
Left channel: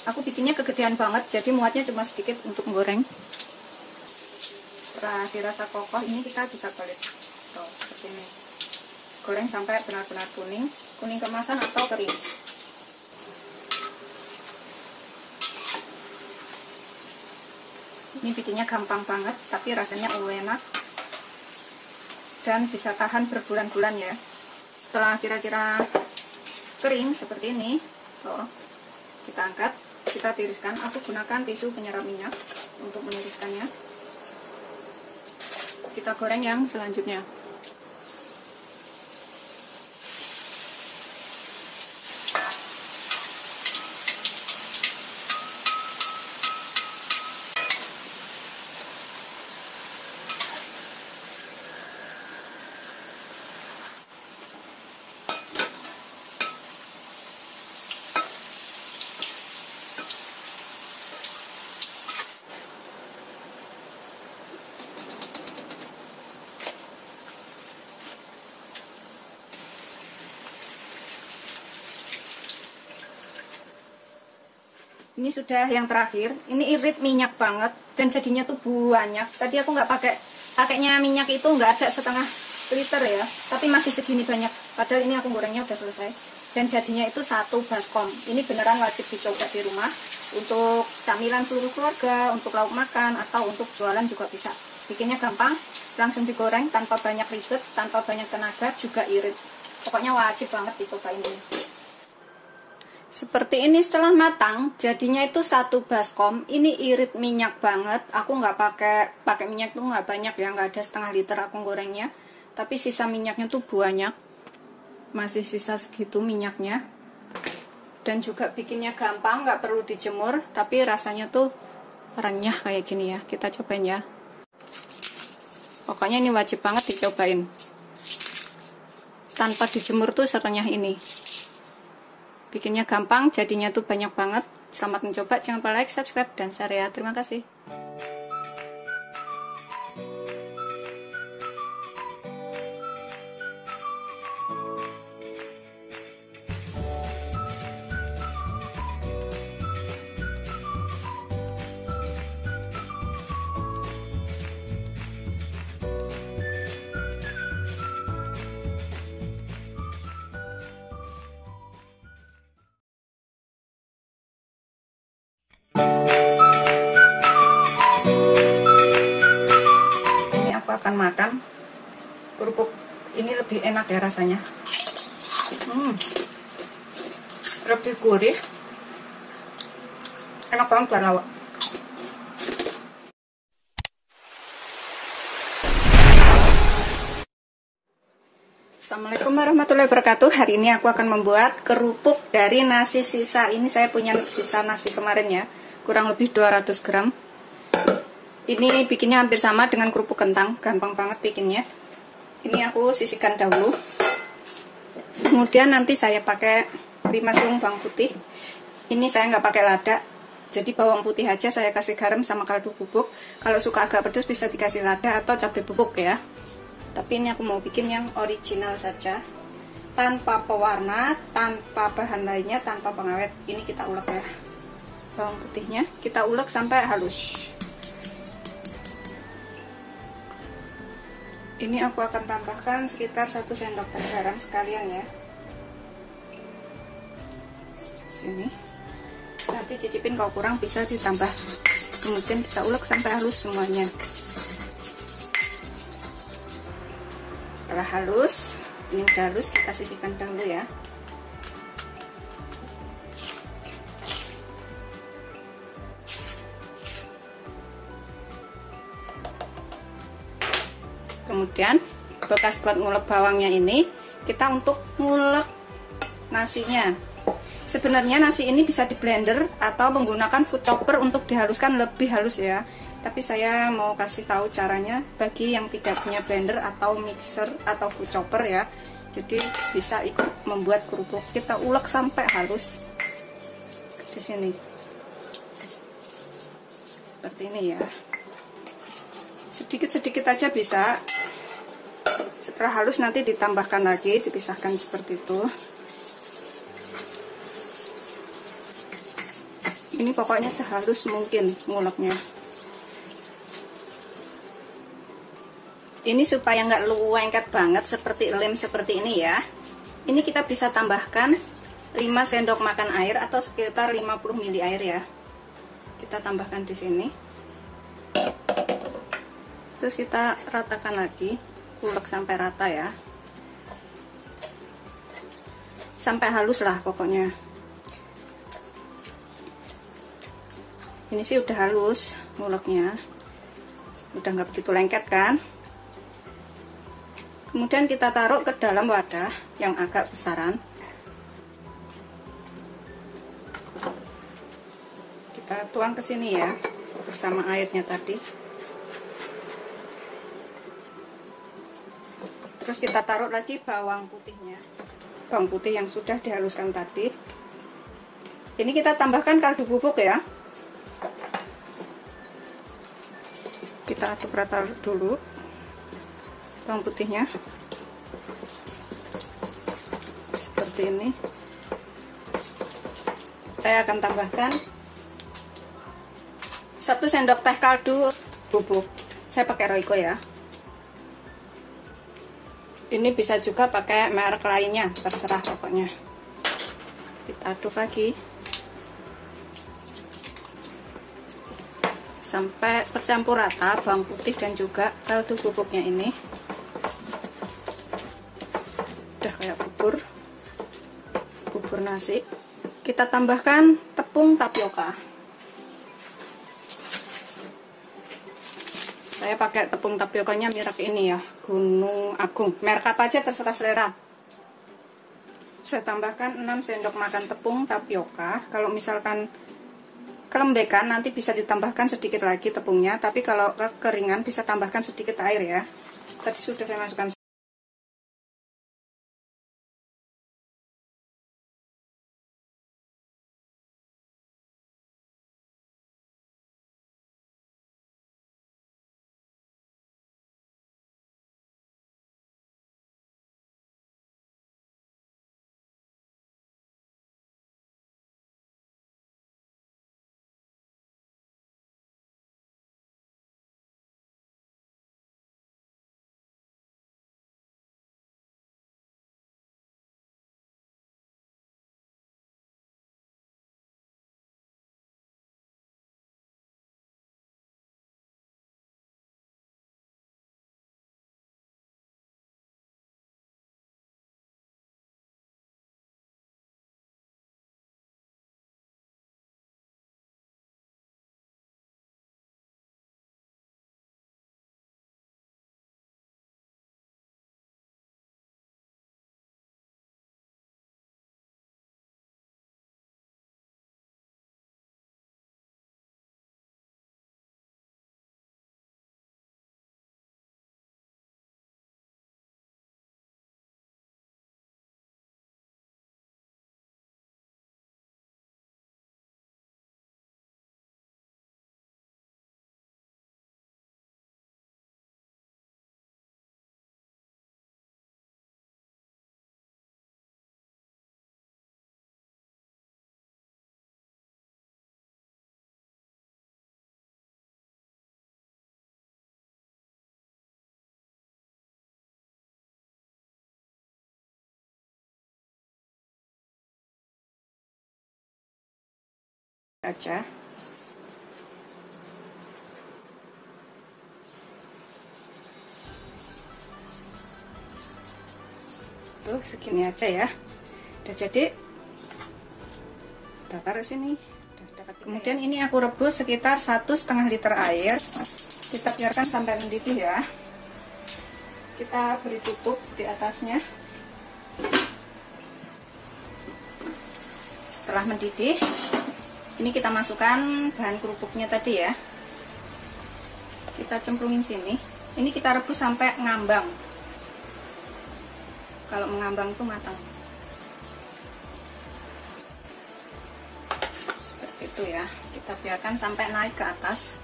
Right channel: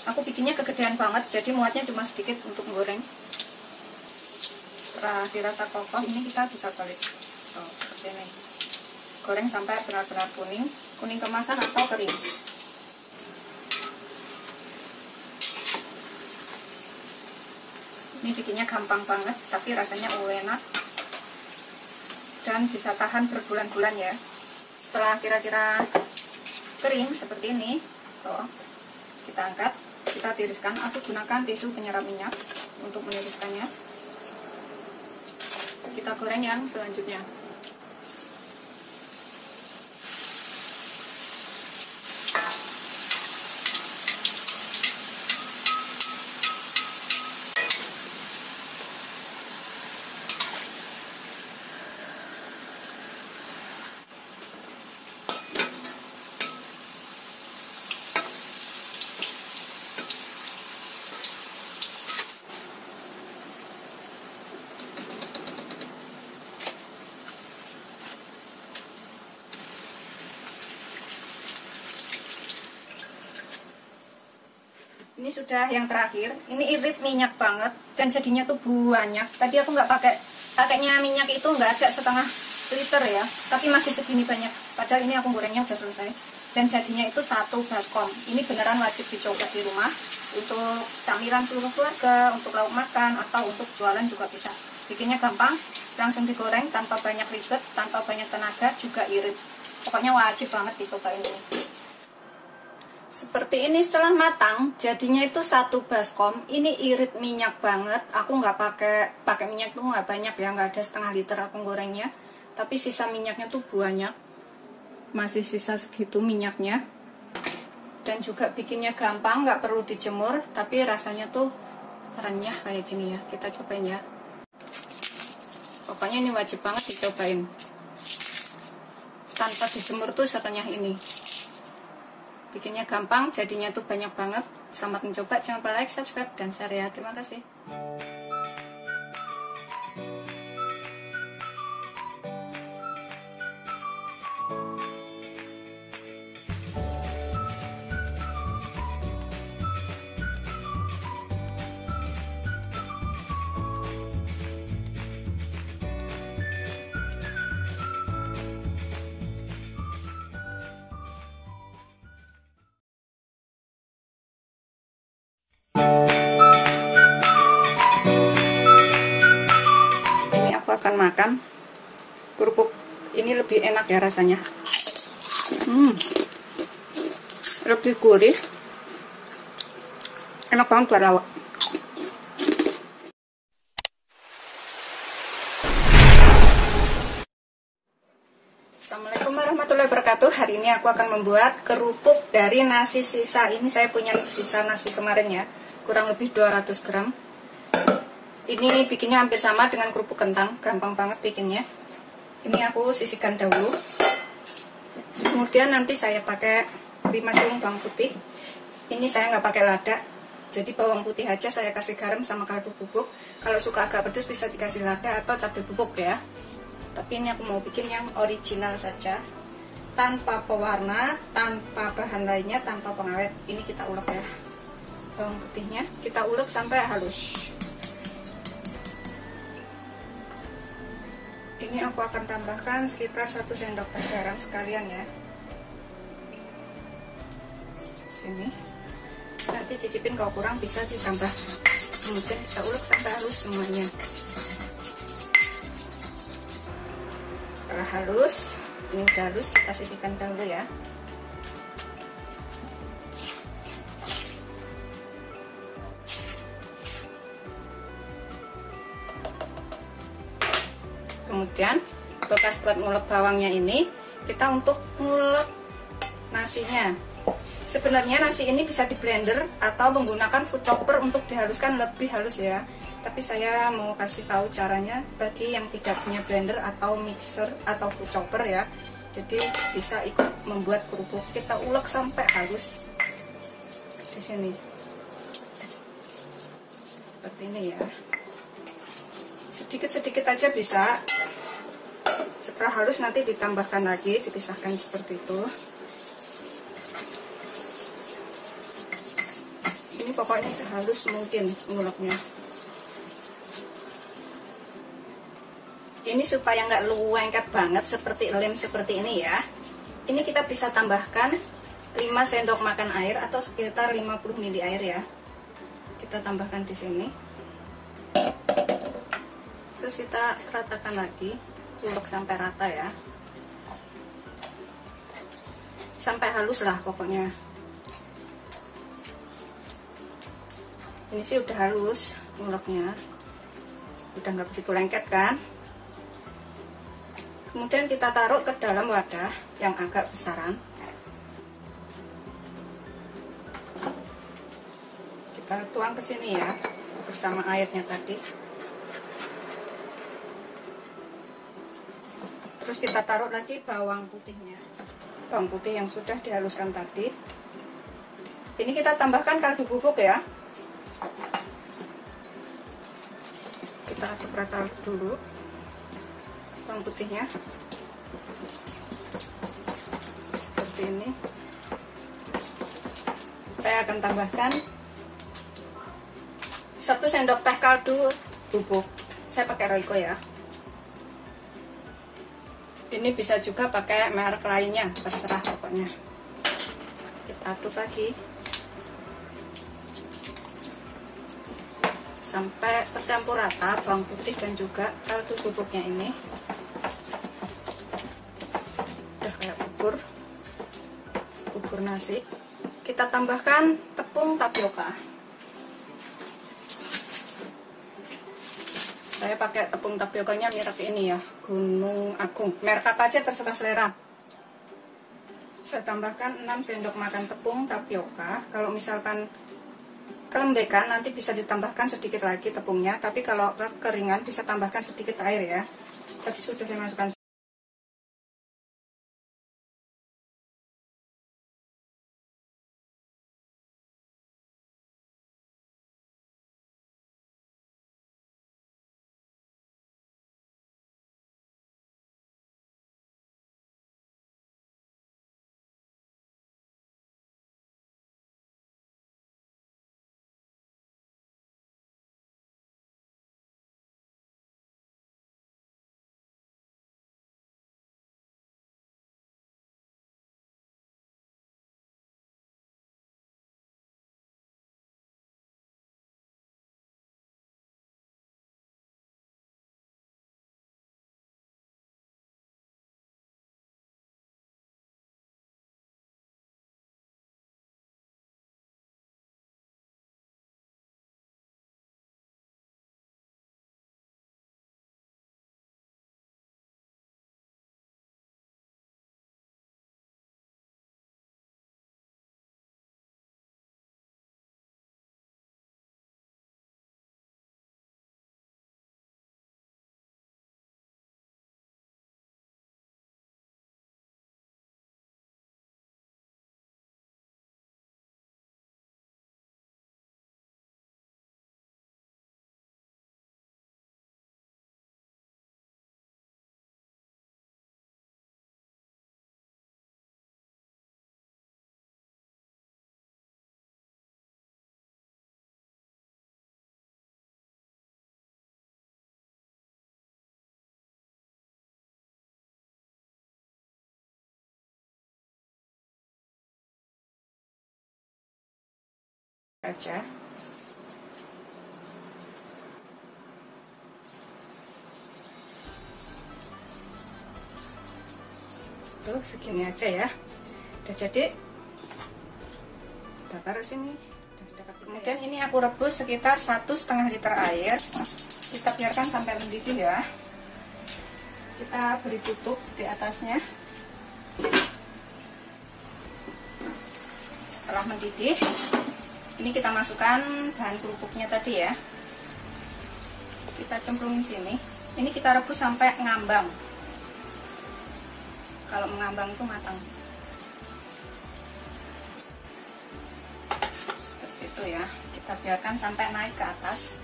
Aku bikinnya kegedean banget, jadi muatnya cuma sedikit untuk menggoreng. Setelah dirasa kokoh, ini kita bisa balik. So, seperti ini. Goreng sampai benar-benar kuning, kuning kemasan atau kering. Ini bikinnya gampang banget, tapi rasanya enak dan bisa tahan berbulan-bulan ya. Setelah kira-kira kering seperti ini, tuh, kita angkat, kita tiriskan. Aku gunakan tisu penyerap minyak untuk meniriskannya. Kita goreng yang selanjutnya. Ini sudah yang terakhir. Ini irit minyak banget dan jadinya tuh banyak. Tadi aku nggak pakainya minyak itu nggak ada setengah liter ya, tapi masih segini banyak. Padahal ini aku gorengnya udah selesai. Dan jadinya itu 1 baskom. Ini beneran wajib dicoba di rumah untuk camilan seluruh keluarga, untuk lauk makan atau untuk jualan juga bisa. Bikinnya gampang, langsung digoreng tanpa banyak ribet, tanpa banyak tenaga, juga irit. Pokoknya wajib banget dicobain ini. Seperti ini setelah matang, jadinya itu 1 baskom. Ini irit minyak banget. Aku nggak pakai minyak tuh nggak banyak ya, nggak ada setengah liter aku gorengnya. Tapi sisa minyaknya tuh banyak. Masih sisa segitu minyaknya. Dan juga bikinnya gampang, nggak perlu dijemur. Tapi rasanya tuh renyah kayak gini ya. Kita cobain ya. Pokoknya ini wajib banget dicobain. Tanpa dijemur tuh serenyah ini. Bikinnya gampang, jadinya tuh banyak banget. Selamat mencoba, jangan lupa like, subscribe, dan share ya. Terima kasih. Akan makan kerupuk ini lebih enak ya rasanya, lebih gurih, enak banget buat lawak. Assalamualaikum warahmatullahi wabarakatuh. Hari ini aku akan membuat kerupuk dari nasi sisa. Ini saya punya sisa nasi kemarin ya, kurang lebih 200 gram. Ini bikinnya hampir sama dengan kerupuk kentang, gampang banget bikinnya. Ini aku sisihkan dahulu. Kemudian nanti saya pakai 5 siung bawang putih. Ini saya nggak pakai lada, jadi bawang putih aja saya kasih garam sama kaldu bubuk. Kalau suka agak pedas bisa dikasih lada atau cabai bubuk ya. Tapi ini aku mau bikin yang original saja, tanpa pewarna, tanpa bahan lainnya, tanpa pengawet. Ini kita ulek ya, bawang putihnya kita ulek sampai halus. Ini aku akan tambahkan sekitar 1 sendok teh garam sekalian ya. Sini. Nanti cicipin, kalau kurang bisa ditambah. Kemudian kita ulek sampai halus semuanya. Setelah halus, ini udah halus, kita sisihkan dulu ya. Kemudian bekas buat ngulek bawangnya ini kita untuk ngulek nasinya. Sebenarnya nasi ini bisa di blender atau menggunakan food chopper untuk dihaluskan lebih halus ya. Tapi saya mau kasih tahu caranya bagi yang tidak punya blender atau mixer atau food chopper ya. Jadi bisa ikut membuat kerupuk. Kita ulek sampai halus di sini. Seperti ini ya. Sedikit-sedikit aja bisa. Setelah halus nanti ditambahkan lagi, dipisahkan seperti itu. Ini pokoknya sehalus mungkin nguleknya. Ini supaya nggak lengket banget seperti lem seperti ini ya. Ini kita bisa tambahkan 5 sendok makan air atau sekitar 50 ml air ya. Kita tambahkan di sini. Terus kita ratakan lagi, ulek sampai rata ya, sampai halus lah pokoknya. Ini sih udah halus nguleknya, udah nggak begitu lengket kan. Kemudian kita taruh ke dalam wadah yang agak besaran. Kita tuang ke sini ya bersama airnya tadi. Terus kita taruh lagi bawang putihnya, bawang putih yang sudah dihaluskan tadi. Ini kita tambahkan kaldu bubuk ya. Kita aduk rata dulu bawang putihnya seperti ini. Saya akan tambahkan 1 sendok teh kaldu bubuk. Saya pakai Royco ya. Ini bisa juga pakai merek lainnya, terserah pokoknya. Kita aduk lagi sampai tercampur rata bawang putih dan juga kaldu bubuknya ini. Udah kayak bubur nasi. Kita tambahkan tepung tapioka. Saya pakai tepung tapiokanya merek ini ya, Gunung Agung. Merek apa aja terserah selera. Saya tambahkan 6 sendok makan tepung tapioka. Kalau misalkan kelembekan nanti bisa ditambahkan sedikit lagi tepungnya, tapi kalau kekeringan bisa tambahkan sedikit air ya. Tadi sudah saya masukkan. Aja. Tuh segini aja ya. Udah jadi. Kita taruh sini. Kemudian ini aku rebus sekitar 1,5 liter air. Kita biarkan sampai mendidih ya. Kita beri tutup di atasnya. Setelah mendidih, ini kita masukkan bahan kerupuknya tadi ya. Kita cemplungin sini. Ini kita rebus sampai ngambang. Kalau mengambang itu matang. Seperti itu ya. Kita biarkan sampai naik ke atas.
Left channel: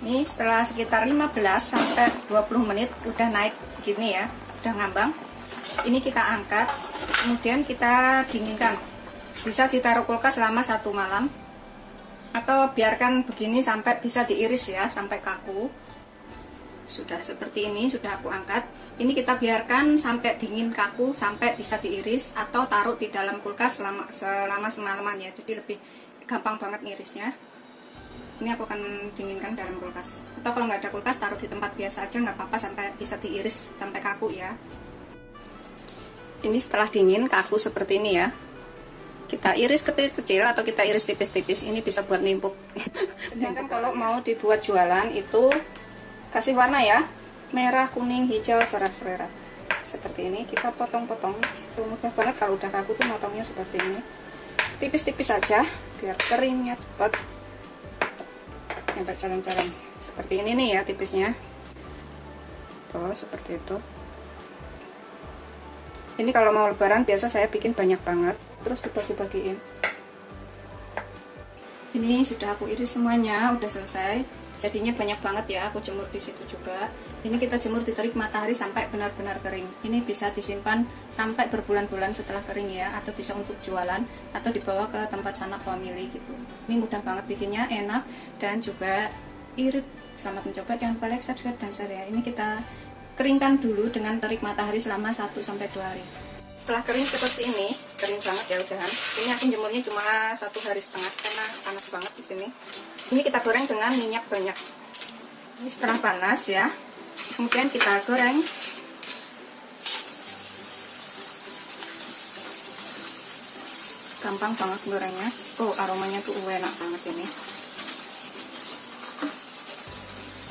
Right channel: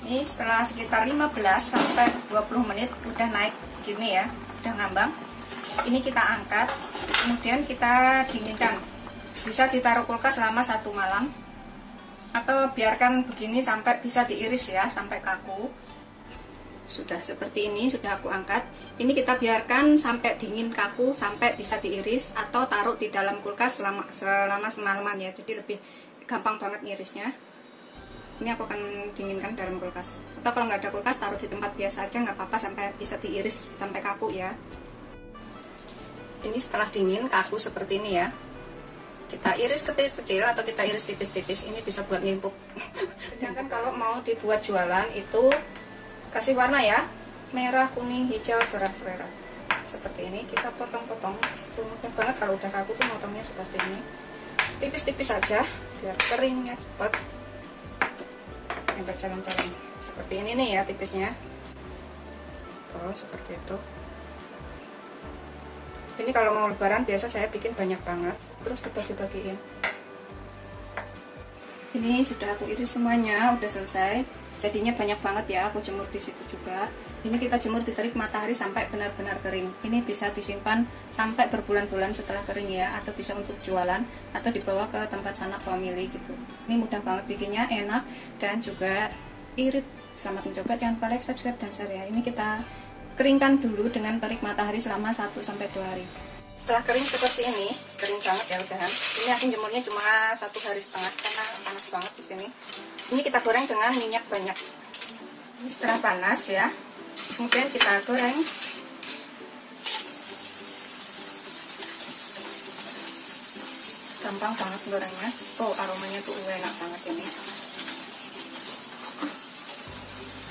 Ini setelah sekitar 15 sampai 20 menit udah naik begini ya, udah ngambang. Ini kita angkat, kemudian kita dinginkan. Bisa ditaruh kulkas selama 1 malam, atau biarkan begini sampai bisa diiris ya, sampai kaku. Sudah seperti ini, sudah aku angkat. Ini kita biarkan sampai dingin kaku, sampai bisa diiris, atau taruh di dalam kulkas selama semalaman ya. Jadi lebih gampang banget ngirisnya. Ini aku akan dinginkan dalam kulkas. Atau kalau nggak ada kulkas, taruh di tempat biasa aja, nggak apa-apa, sampai bisa diiris sampai kaku ya. Ini setelah dingin kaku seperti ini ya. Kita iris kecil-kecil atau kita iris tipis-tipis. Ini bisa buat nimpuk. Sedangkan kalau mau dibuat jualan itu kasih warna ya, merah, kuning, hijau, serah-serah. Seperti ini kita potong-potong. Mudah banget kalau udah kaku tuh motongnya seperti ini. Tipis-tipis saja biar keringnya cepat. Yang berjalan-jalan seperti ini nih ya tipisnya. Tuh seperti itu. Ini kalau mau lebaran biasa saya bikin banyak banget, terus dibagi-bagiin. Ini sudah aku iris semuanya, udah selesai. Jadinya banyak banget ya, aku jemur di situ juga. Ini kita jemur di terik matahari sampai benar-benar kering. Ini bisa disimpan sampai berbulan-bulan setelah kering ya, atau bisa untuk jualan atau dibawa ke tempat sanak family gitu. Ini mudah banget bikinnya, enak dan juga irit. Selamat mencoba, jangan lupa like, subscribe dan share ya. Ini kita keringkan dulu dengan terik matahari selama 1-2 hari. Setelah kering seperti ini, kering banget ya udahan. Ini aku jemurnya cuma 1,5 hari karena panas banget di sini. Ini kita goreng dengan minyak banyak. Ini setelah panas ya, kemudian kita goreng. Gampang banget gorengnya. Tuh aromanya tuh enak banget ini.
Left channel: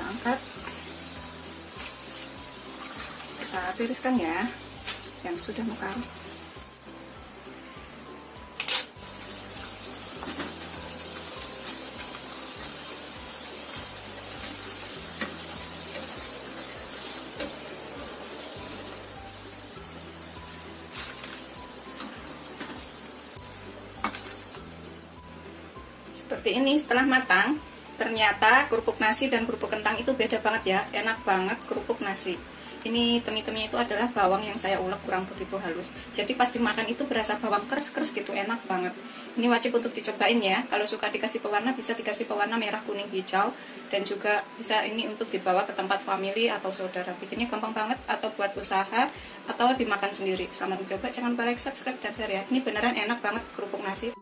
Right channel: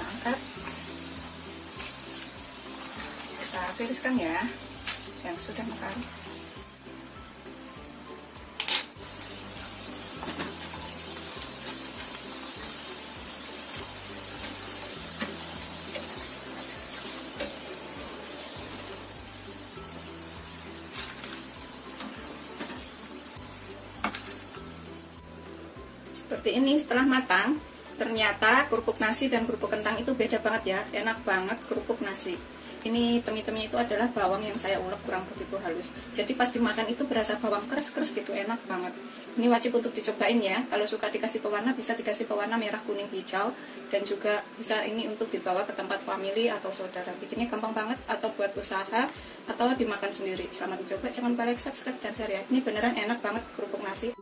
Angkat. Kita tiriskan ya yang sudah matang. Seperti ini. Setelah matang, ternyata kerupuk nasi dan kerupuk kentang itu beda banget ya. Enak banget kerupuk nasi. Ini temi-teminya itu adalah bawang yang saya ulek kurang begitu halus. Jadi pas dimakan itu berasa bawang keras-keras gitu, enak banget. Ini wajib untuk dicobain ya. Kalau suka dikasih pewarna bisa dikasih pewarna merah, kuning, hijau. Dan juga bisa ini untuk dibawa ke tempat family atau saudara. Bikinnya gampang banget, atau buat usaha atau dimakan sendiri. Selamat mencoba, jangan lupa like, subscribe, dan share ya. Ini beneran enak banget kerupuk nasi.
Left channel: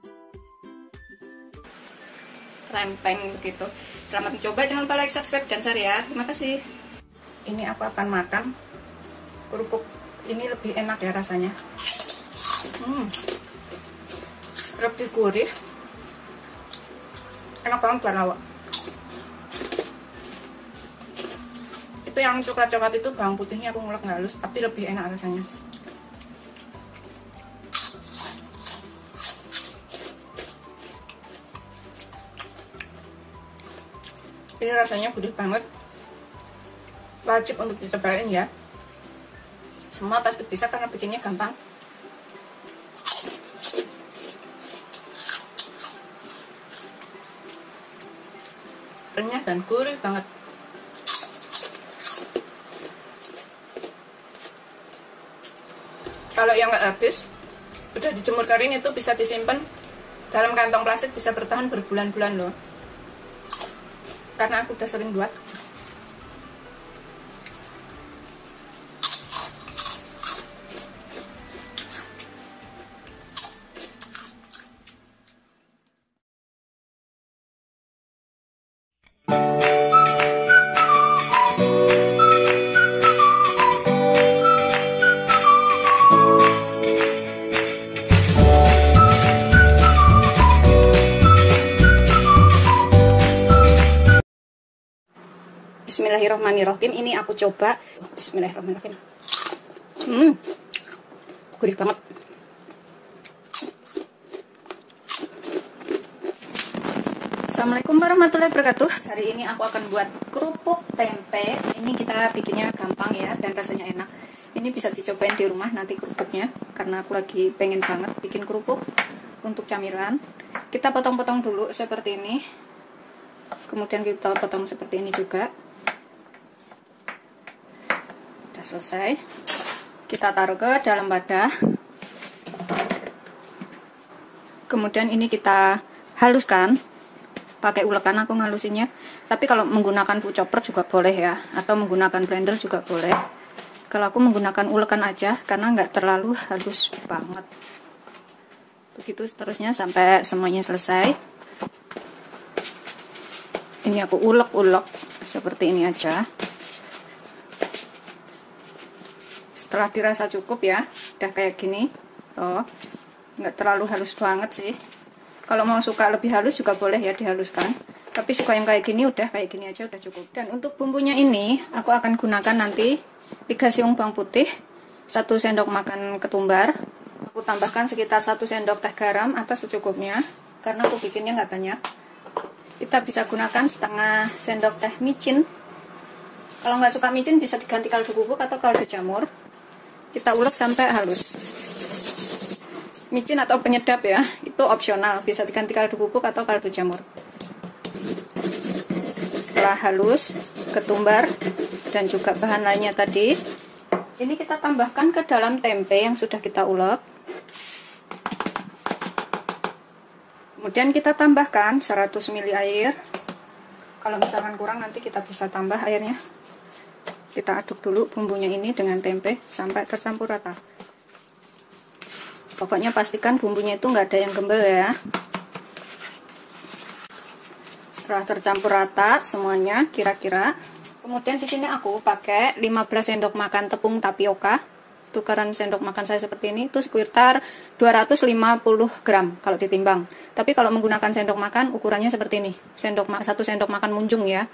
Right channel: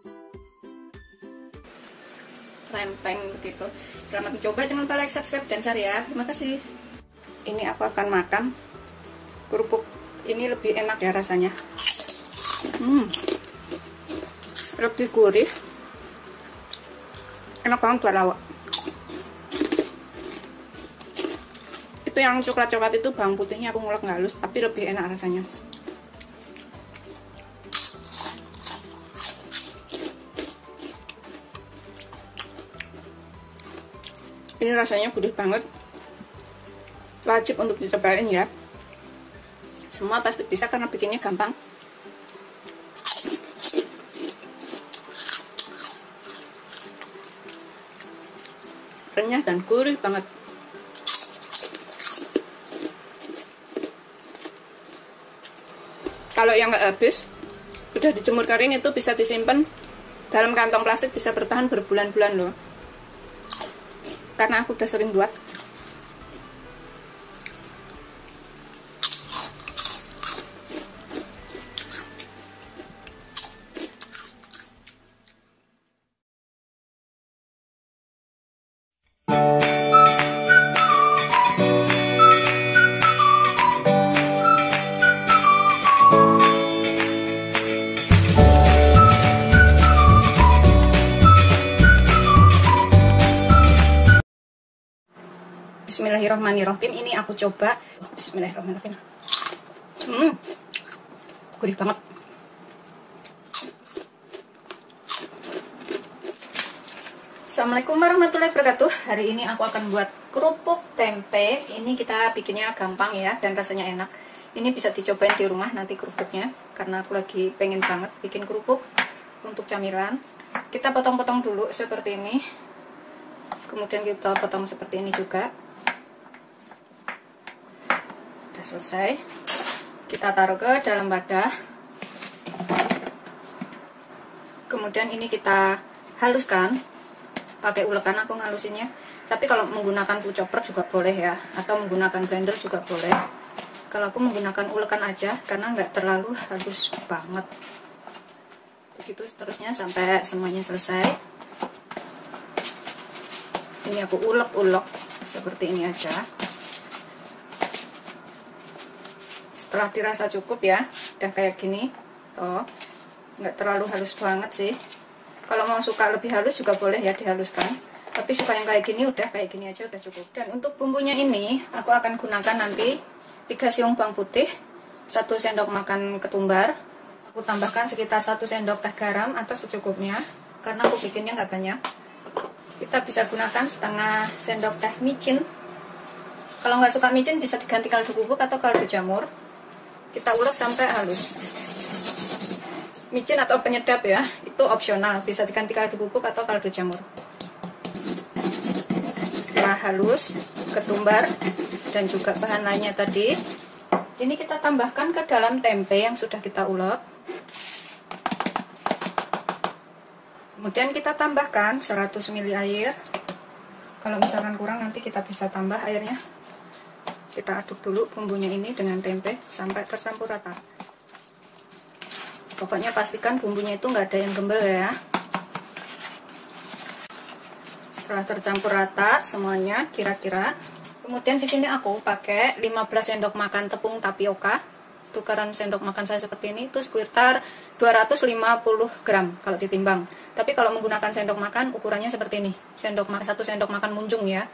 Time begitu. Selamat mencoba, jangan lupa like, subscribe, dan share ya. Terima kasih. Ini aku akan makan kerupuk ini, lebih enak ya rasanya. Lebih gurih, enak banget buat lawak. Itu yang coklat-coklat itu bawang putihnya aku ngulek halus, tapi lebih enak rasanya. Ini rasanya gurih banget. Wajib untuk dicobain ya. Semua pasti bisa karena bikinnya gampang. Renyah dan gurih banget. Kalau yang nggak habis, udah dijemur kering, itu bisa disimpan dalam kantong plastik, bisa bertahan berbulan-bulan loh. Karena aku udah sering buat. Bismillahirrahmanirrahim. Ini aku coba. Bismillahirrahmanirrahim. Gurih banget. Assalamualaikum warahmatullahi wabarakatuh. Hari ini aku akan buat kerupuk tempe. Ini kita bikinnya gampang ya, dan rasanya enak. Ini bisa dicobain di rumah nanti kerupuknya, karena aku lagi pengen banget bikin kerupuk untuk camilan. Kita potong-potong dulu seperti ini. Kemudian kita potong seperti ini juga. Udah selesai, kita taruh ke dalam wadah. Kemudian ini kita haluskan pakai ulekan, aku ngalusinnya. Tapi kalau menggunakan food chopper juga boleh ya, atau menggunakan blender juga boleh. Kalau aku menggunakan ulekan aja karena nggak terlalu halus banget. Begitu seterusnya sampai semuanya selesai. Ini aku ulek-ulek seperti ini aja. Setelah dirasa cukup ya, dan kayak gini tuh, nggak terlalu halus banget sih. Kalau mau suka lebih halus juga boleh ya dihaluskan, tapi suka yang kayak gini, udah kayak gini aja udah cukup. Dan untuk bumbunya ini aku akan gunakan nanti 3 siung bawang putih, 1 sendok makan ketumbar. Aku tambahkan sekitar 1 sendok teh garam atau secukupnya, karena aku bikinnya nggak banyak. Kita bisa gunakan setengah sendok teh micin. Kalau nggak suka micin bisa diganti kaldu bubuk atau kaldu jamur. Kita ulek sampai halus. Micin atau penyedap ya, itu opsional, bisa diganti kaldu bubuk atau kaldu jamur. Setelah halus ketumbar dan juga bahan lainnya tadi, ini kita tambahkan ke dalam tempe yang sudah kita ulek. Kemudian kita tambahkan 100 ml air. Kalau misalkan kurang nanti kita bisa tambah airnya. Kita aduk dulu bumbunya ini dengan tempe sampai tercampur rata. Pokoknya pastikan bumbunya itu nggak ada yang gembel ya. Setelah tercampur rata semuanya kira-kira, kemudian di sini aku pakai 15 sendok makan tepung tapioka. Tukaran sendok makan saya seperti ini, itu sekitar 250 gram kalau ditimbang. Tapi kalau menggunakan sendok makan ukurannya seperti ini, 1 sendok makan munjung ya,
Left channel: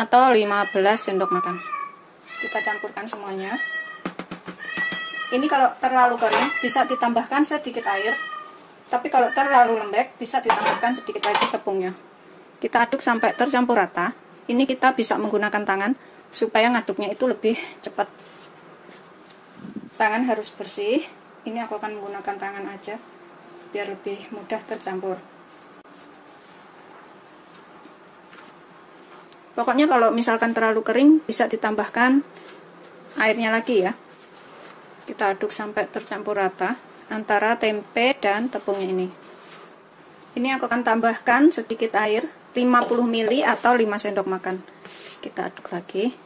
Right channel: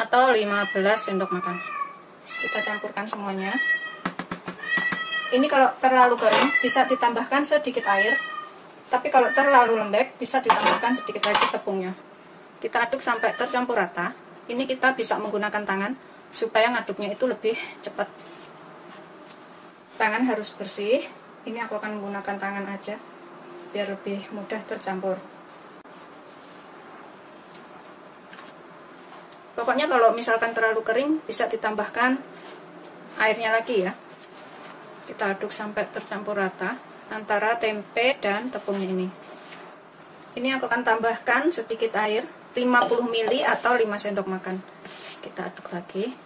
atau 15 sendok makan. Kita campurkan semuanya. Ini kalau terlalu kering bisa ditambahkan sedikit air, tapi kalau terlalu lembek bisa ditambahkan sedikit lagi tepungnya. Kita aduk sampai tercampur rata. Ini kita bisa menggunakan tangan supaya ngaduknya itu lebih cepat. Tangan harus bersih. Ini aku akan menggunakan tangan aja biar lebih mudah tercampur. Pokoknya kalau misalkan terlalu kering bisa ditambahkan airnya lagi ya. Kita aduk sampai tercampur rata antara tempe dan tepungnya ini. Ini aku akan tambahkan sedikit air, 50 ml atau 5 sendok makan. Kita aduk lagi.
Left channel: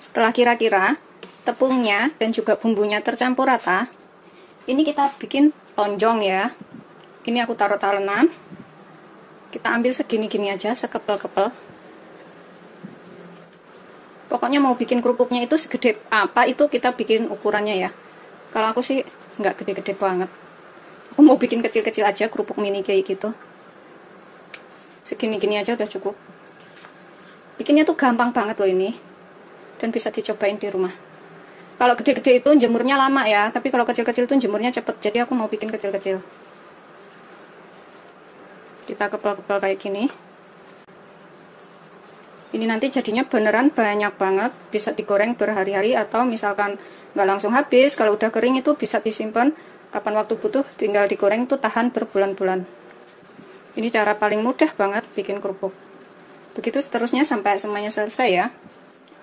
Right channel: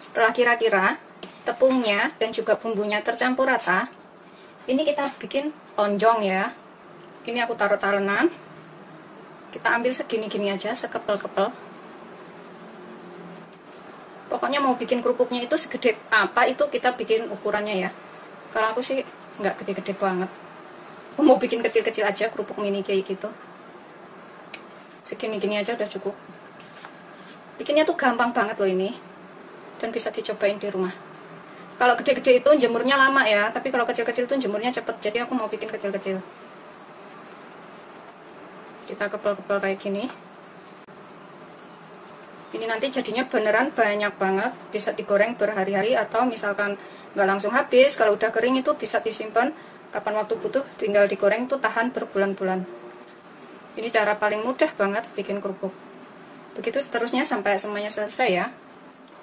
Setelah kira-kira tepungnya dan juga bumbunya tercampur rata, ini kita bikin lonjong ya. Ini aku taruh talenan. Kita ambil segini-gini aja, sekepel-kepel. Pokoknya mau bikin kerupuknya itu segede apa itu kita bikin ukurannya ya. Kalau aku sih nggak gede-gede banget. Aku mau bikin kecil-kecil aja, kerupuk mini kayak gitu. Segini-gini aja udah cukup. Bikinnya tuh gampang banget loh ini. Dan bisa dicobain di rumah. Kalau gede-gede itu jemurnya lama ya, tapi kalau kecil-kecil itu jemurnya cepet. Jadi aku mau bikin kecil-kecil. Kita kepel-kepel kayak gini. Ini nanti jadinya beneran banyak banget, bisa digoreng berhari-hari atau misalkan nggak langsung habis. Kalau udah kering itu bisa disimpan kapan waktu butuh, tinggal digoreng itu tahan berbulan-bulan. Ini cara paling mudah banget bikin kerupuk. Begitu seterusnya sampai semuanya selesai ya.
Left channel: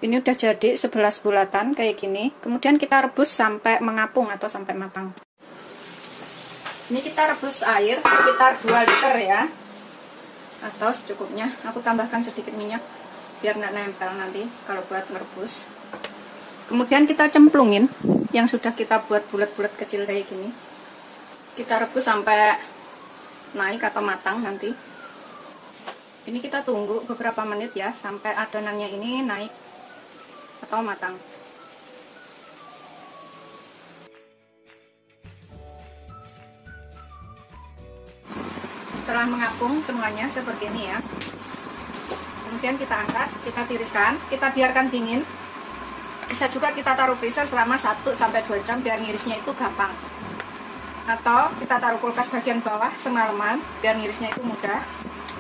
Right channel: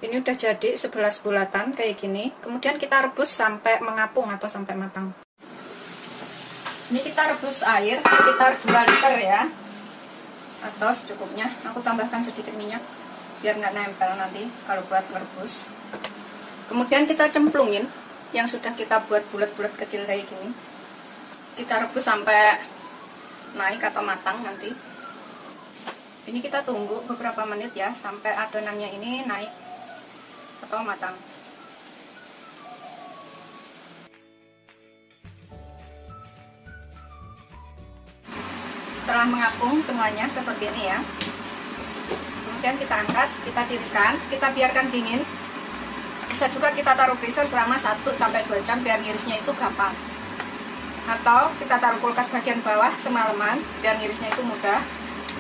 Ini udah jadi 11 bulatan kayak gini. Kemudian kita rebus sampai mengapung atau sampai matang. Ini kita rebus air sekitar 2 liter ya. Atau secukupnya. Aku tambahkan sedikit minyak biar nggak nempel nanti kalau buat ngerebus. Kemudian kita cemplungin yang sudah kita buat bulat-bulat kecil kayak gini. Kita rebus sampai naik atau matang nanti. Ini kita tunggu beberapa menit ya sampai adonannya ini naik atau matang. Setelah mengapung semuanya seperti ini ya. Kemudian kita angkat, kita tiriskan, kita biarkan dingin. Bisa juga kita taruh freezer selama 1-2 jam biar ngirisnya itu gampang. Atau kita taruh kulkas bagian bawah semalaman biar ngirisnya itu mudah.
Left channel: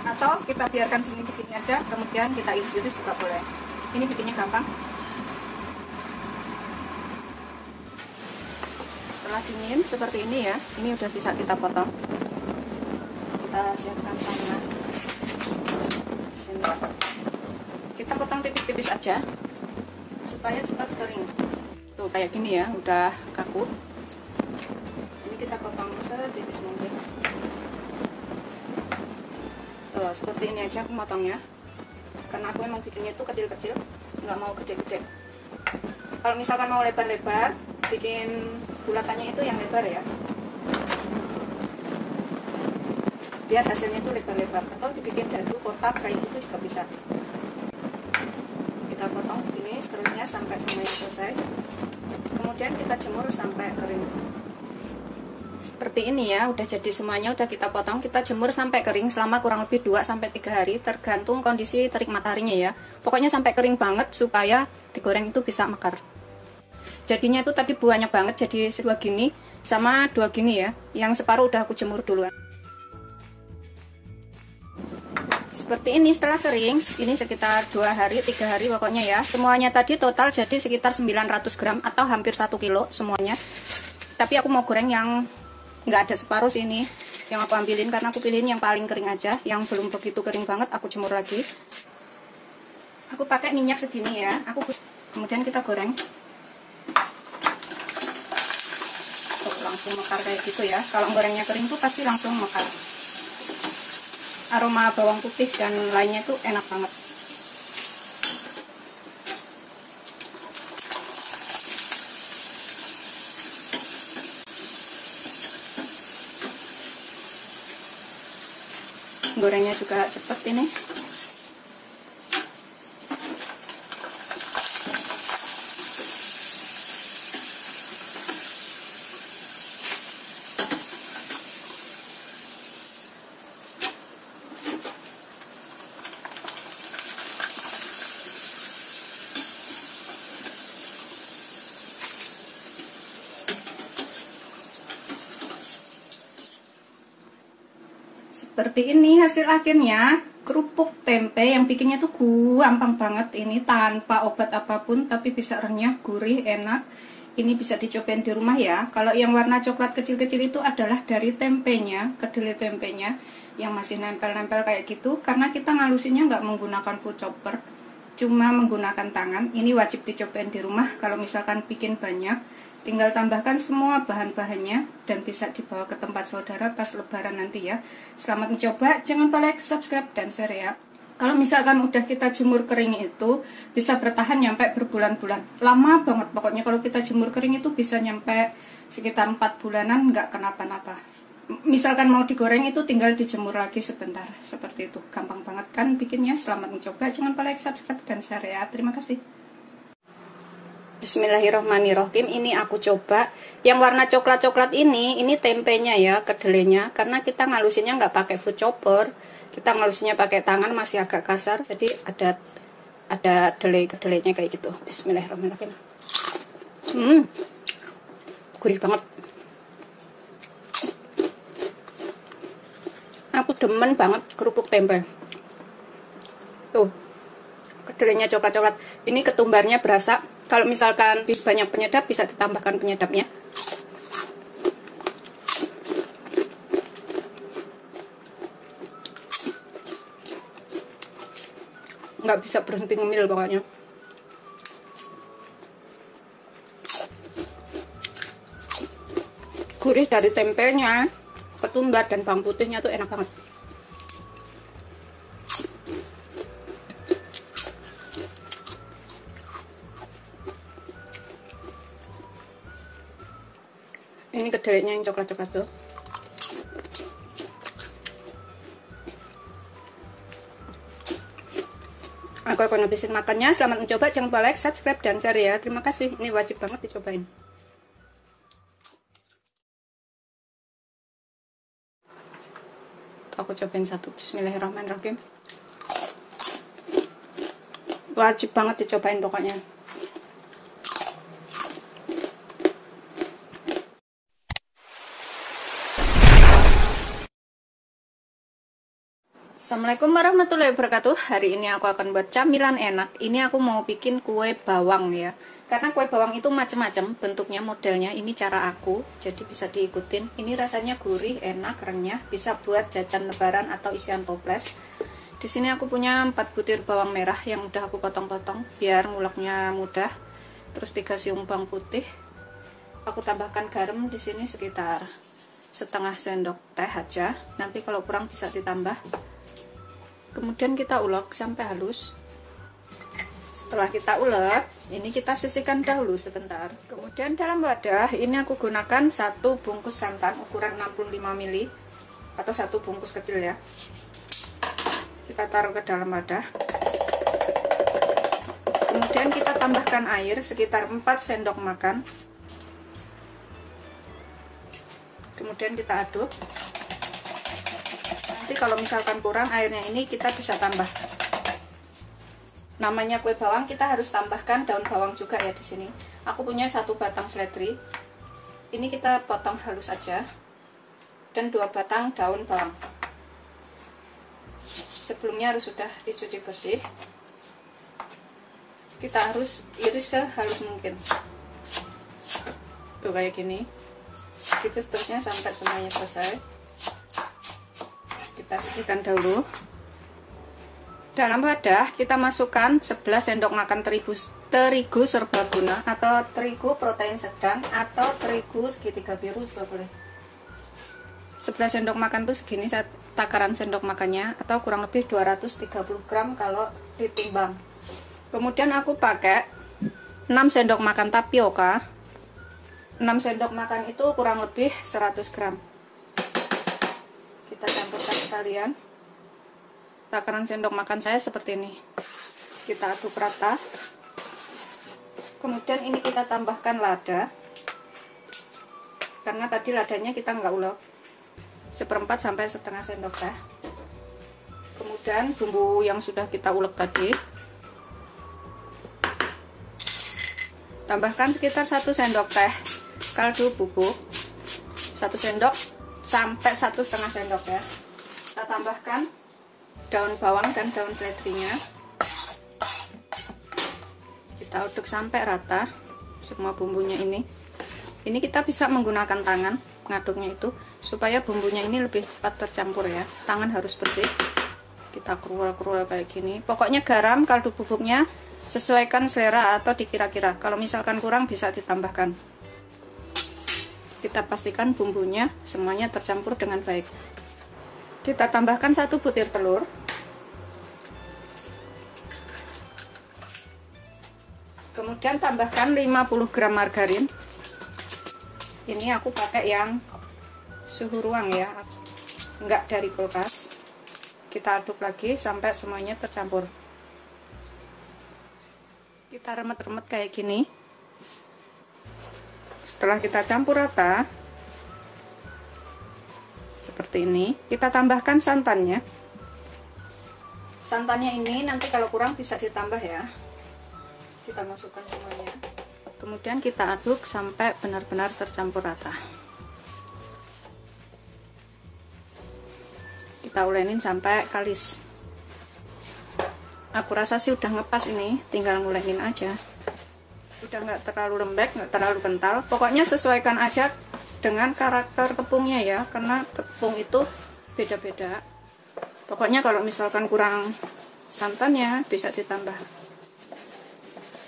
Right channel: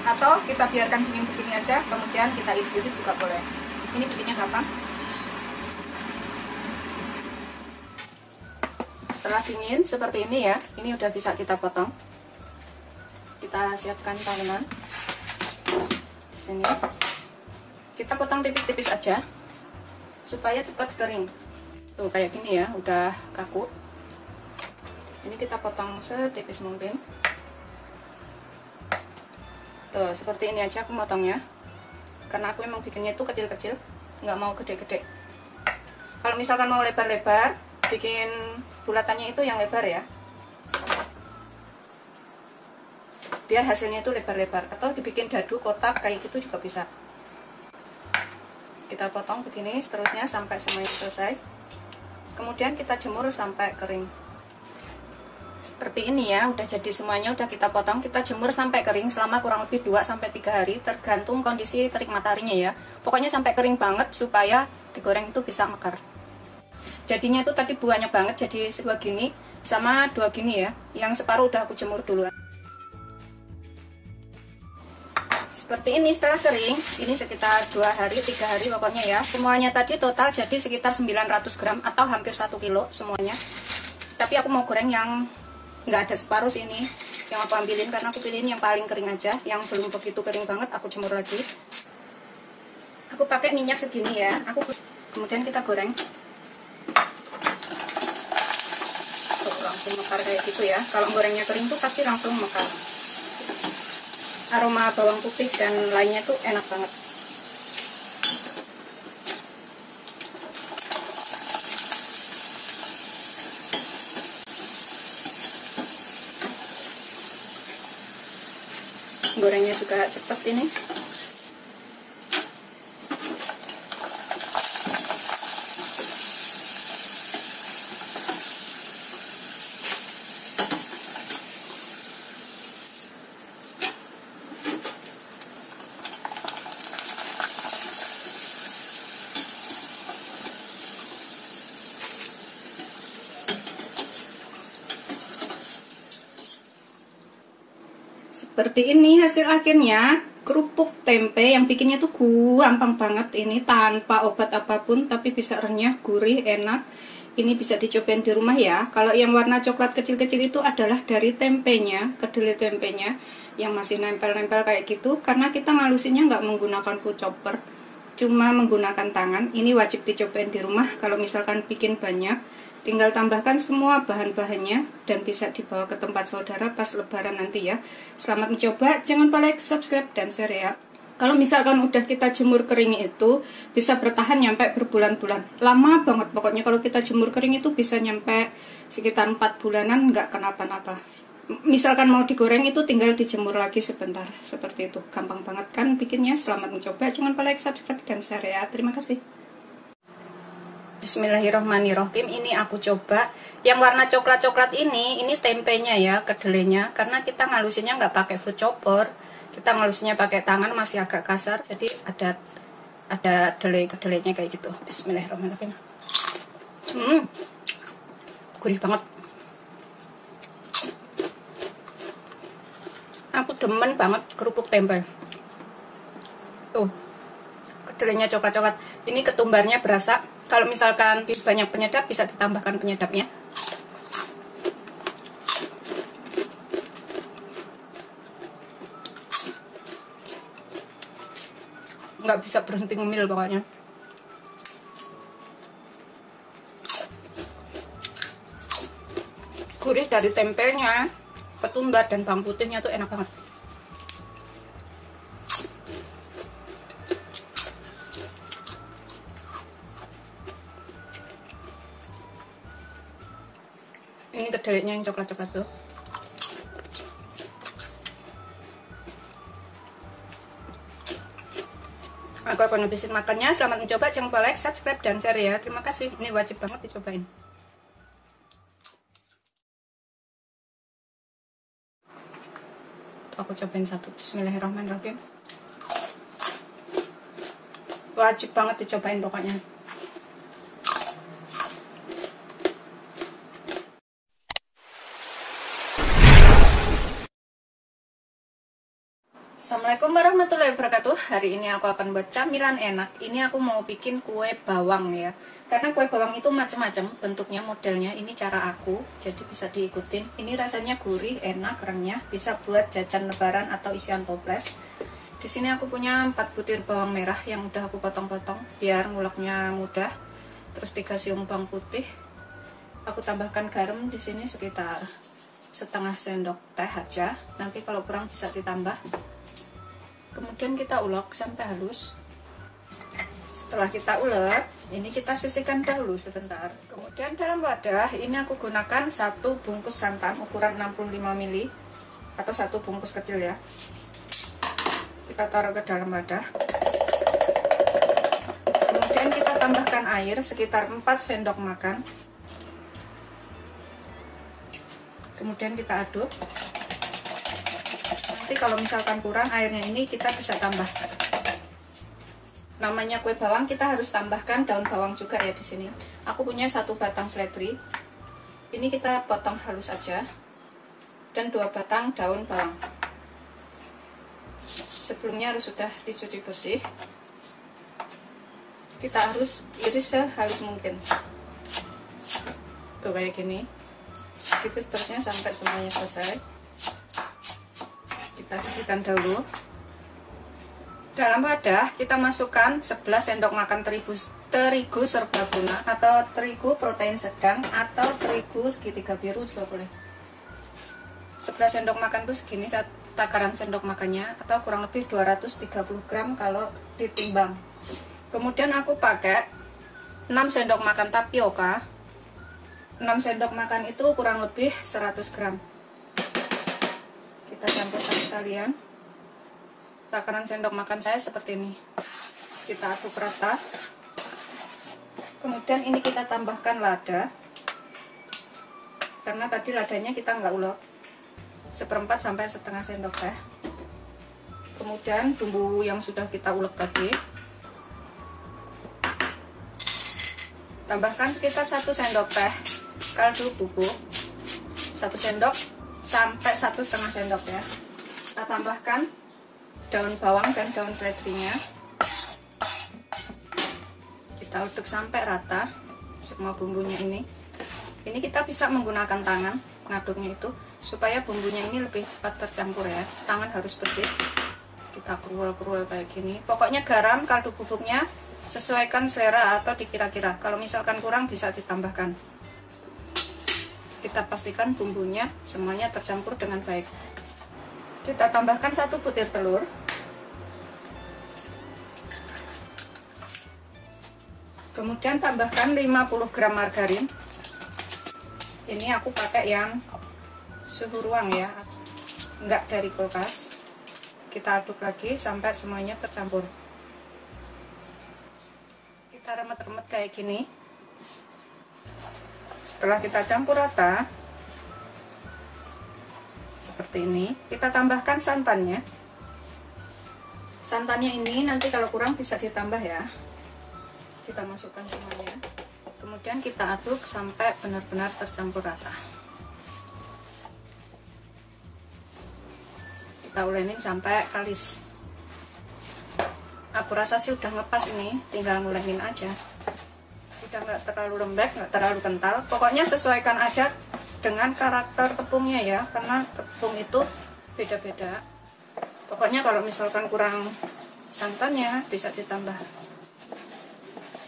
Atau kita biarkan dingin begini aja, kemudian kita iris-iris juga boleh. Ini bikinnya gampang. Setelah dingin seperti ini ya, ini udah bisa kita potong. Kita siapkan tengah di sini. Kita potong tipis-tipis aja supaya cepat kering. Tuh kayak gini ya, udah kaku. Ini kita potong setipis mungkin. Tuh seperti ini aja aku motongnya. Karena aku memang bikinnya itu kecil-kecil, nggak mau gede-gede. Kalau misalkan mau lebar-lebar, bikin bulatannya itu yang lebar ya. Biar hasilnya itu lebar-lebar. Atau dibikin dadu kotak kayak gitu juga bisa. Kita potong begini seterusnya sampai semuanya selesai. Kemudian kita jemur sampai kering. Seperti ini ya, udah jadi semuanya, udah kita potong, kita jemur sampai kering selama kurang lebih 2-3 hari, tergantung kondisi terik mataharinya ya. Pokoknya sampai kering banget supaya digoreng itu bisa mekar. Jadinya itu tadi buahnya banget, jadi 2 gini sama 2 gini ya. Yang separuh udah aku jemur duluan. Seperti ini setelah kering, ini sekitar 2-3 hari pokoknya ya. Semuanya tadi total jadi sekitar 900 gram atau hampir 1 kilo semuanya. Tapi aku mau goreng yang nggak ada separuh sini, yang aku ambilin karena aku pilihin yang paling kering aja. Yang belum begitu kering banget aku jemur lagi. Aku pakai minyak segini ya. Kemudian kita goreng. Langsung mekar kayak gitu ya. Kalau gorengnya kering tuh pasti langsung mekar. Aroma bawang putih dan lainnya tuh enak banget. Gorengnya juga cepet ini. Seperti ini hasil akhirnya, kerupuk tempe yang bikinnya tuh gampang banget ini tanpa obat apapun, tapi bisa renyah, gurih, enak. Ini bisa dicobain di rumah ya. Kalau yang warna coklat kecil-kecil itu adalah dari tempenya, kedelai tempenya. yang masih nempel-nempel kayak gitu, karena kita ngalusinnya nggak menggunakan food chopper, cuma menggunakan tangan. Ini wajib dicobain di rumah. Kalau misalkan bikin banyak, tinggal tambahkan semua bahan-bahannya dan bisa dibawa ke tempat saudara pas lebaran nanti ya. Selamat mencoba, jangan lupa like, subscribe, dan share ya. Kalau misalkan udah kita jemur kering itu bisa bertahan nyampe berbulan-bulan. Lama banget pokoknya kalau kita jemur kering itu bisa nyampe sekitar 4 bulanan nggak kenapa-napa. Misalkan mau digoreng itu tinggal dijemur lagi sebentar. Seperti itu. Gampang banget kan bikinnya. Selamat mencoba. Jangan lupa like, subscribe, dan share ya. Terima kasih. Bismillahirrohmanirrohim. Ini aku coba yang warna coklat-coklat ini tempenya ya, kedelainya. Karena kita ngalusinnya nggak pakai food chopper. Kita ngalusinnya pakai tangan, masih agak kasar, jadi ada kedelainya kayak gitu. Bismillahirrahmanirrahim. Gurih banget. Aku demen banget kerupuk tempe. Tuh, kedelainya coklat-coklat. Ini ketumbarnya berasa. Kalau misalkan banyak penyedap, bisa ditambahkan penyedapnya. Nggak bisa berhenti ngemil pokoknya. Gurih dari tempenya, ketumbar dan bawang putihnya tuh enak banget. Ini kedelainya yang coklat-coklat tuh. Aku akan habisin makannya. Selamat mencoba, jangan lupa like, subscribe, dan share ya. Terima kasih. Ini wajib banget dicobain. Aku cobain satu. Bismillahirrahmanirrahim. Wajib banget dicobain pokoknya. Assalamualaikum warahmatullahi wabarakatuh. Hari ini aku akan buat camilan enak. Ini aku mau bikin kue bawang ya. Karena kue bawang itu macam-macam bentuknya, modelnya. Ini cara aku, jadi bisa diikutin. Ini rasanya gurih, enak, renyah. Bisa buat jajan lebaran atau isian toples. Di sini aku punya 4 butir bawang merah yang udah aku potong-potong biar nguleknya mudah. Terus 3 siung bawang putih. Aku tambahkan garam di sini sekitar setengah sendok teh aja. Nanti kalau kurang bisa ditambah. Kemudian kita ulek sampai halus. Setelah kita ulek, ini kita sisihkan dahulu sebentar. Kemudian dalam wadah ini aku gunakan 1 bungkus santan ukuran 65 ml atau 1 bungkus kecil ya. Kita taruh ke dalam wadah. Kemudian kita tambahkan air sekitar 4 sendok makan. Kemudian kita aduk. Nanti kalau misalkan kurang airnya ini kita bisa tambah. Namanya kue bawang, kita harus tambahkan daun bawang juga ya di sini. Aku punya 1 batang seledri. Ini kita potong halus aja. Dan 2 batang daun bawang. Sebelumnya harus sudah dicuci bersih. Kita harus iris sehalus mungkin. Tuh kayak gini. Gitu seterusnya sampai semuanya selesai. Kita sisihkan dahulu. Dalam wadah kita masukkan 11 sendok makan terigu serbaguna atau terigu protein sedang atau terigu segitiga biru juga boleh. 11 sendok makan tuh segini takaran sendok makannya, atau kurang lebih 230 gram kalau ditimbang. Kemudian aku pakai 6 sendok makan tapioka. 6 sendok makan itu kurang lebih 100 gram. Kita campurkan sekalian. Takaran sendok makan saya seperti ini. Kita aduk rata. Kemudian ini kita tambahkan lada. Karena tadi ladanya kita nggak ulek. 1/4 sampai setengah sendok teh. Kemudian bumbu yang sudah kita ulek tadi. Tambahkan sekitar 1 sendok teh kaldu bubuk. 1 sendok sampai 1,5 sendok ya. Kita tambahkan daun bawang dan daun seledrinya. Kita aduk sampai rata semua bumbunya ini. Ini kita bisa menggunakan tangan, ngaduknya itu, supaya bumbunya ini lebih cepat tercampur ya. Tangan harus bersih. Kita kerual-kerual kayak gini. Pokoknya garam, kaldu bubuknya sesuaikan selera atau dikira-kira. Kalau misalkan kurang bisa ditambahkan. Kita pastikan bumbunya semuanya tercampur dengan baik. Kita tambahkan 1 butir telur. Kemudian tambahkan 50 gram margarin. Ini aku pakai yang suhu ruang ya, enggak dari kulkas. Kita aduk lagi sampai semuanya tercampur. Kita remet-remet kayak gini. Setelah kita campur rata seperti ini, kita tambahkan santannya. Santannya ini nanti kalau kurang bisa ditambah ya. Kita masukkan semuanya, kemudian kita aduk sampai benar-benar tercampur rata. Kita ulenin sampai kalis. Aku rasa sih udah ngepas ini, tinggal ngulenin aja. Udah nggak terlalu lembek, nggak terlalu kental. Pokoknya sesuaikan aja dengan karakter tepungnya ya, karena tepung itu beda-beda. Pokoknya kalau misalkan kurang santannya bisa ditambah.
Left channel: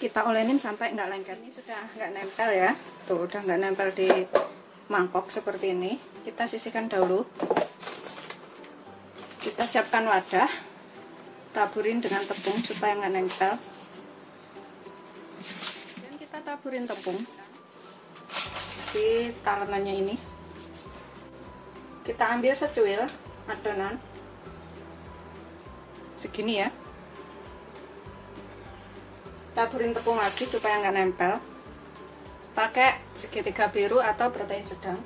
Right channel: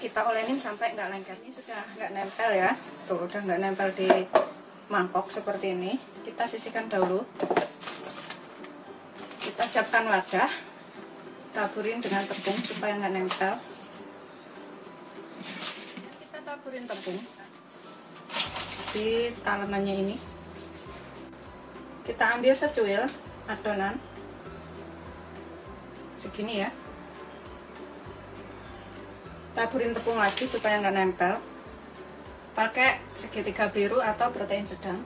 Kita olenin sampai nggak lengket. Ini sudah nggak nempel ya, tuh udah nggak nempel di mangkok seperti ini. Kita sisihkan dahulu. Kita siapkan wadah, taburin dengan tepung supaya nggak nempel. Dan kita taburin tepung di talenannya ini. Kita ambil secuil adonan segini ya. Taburin tepung lagi supaya nggak nempel. Pakai segitiga biru atau protein sedang.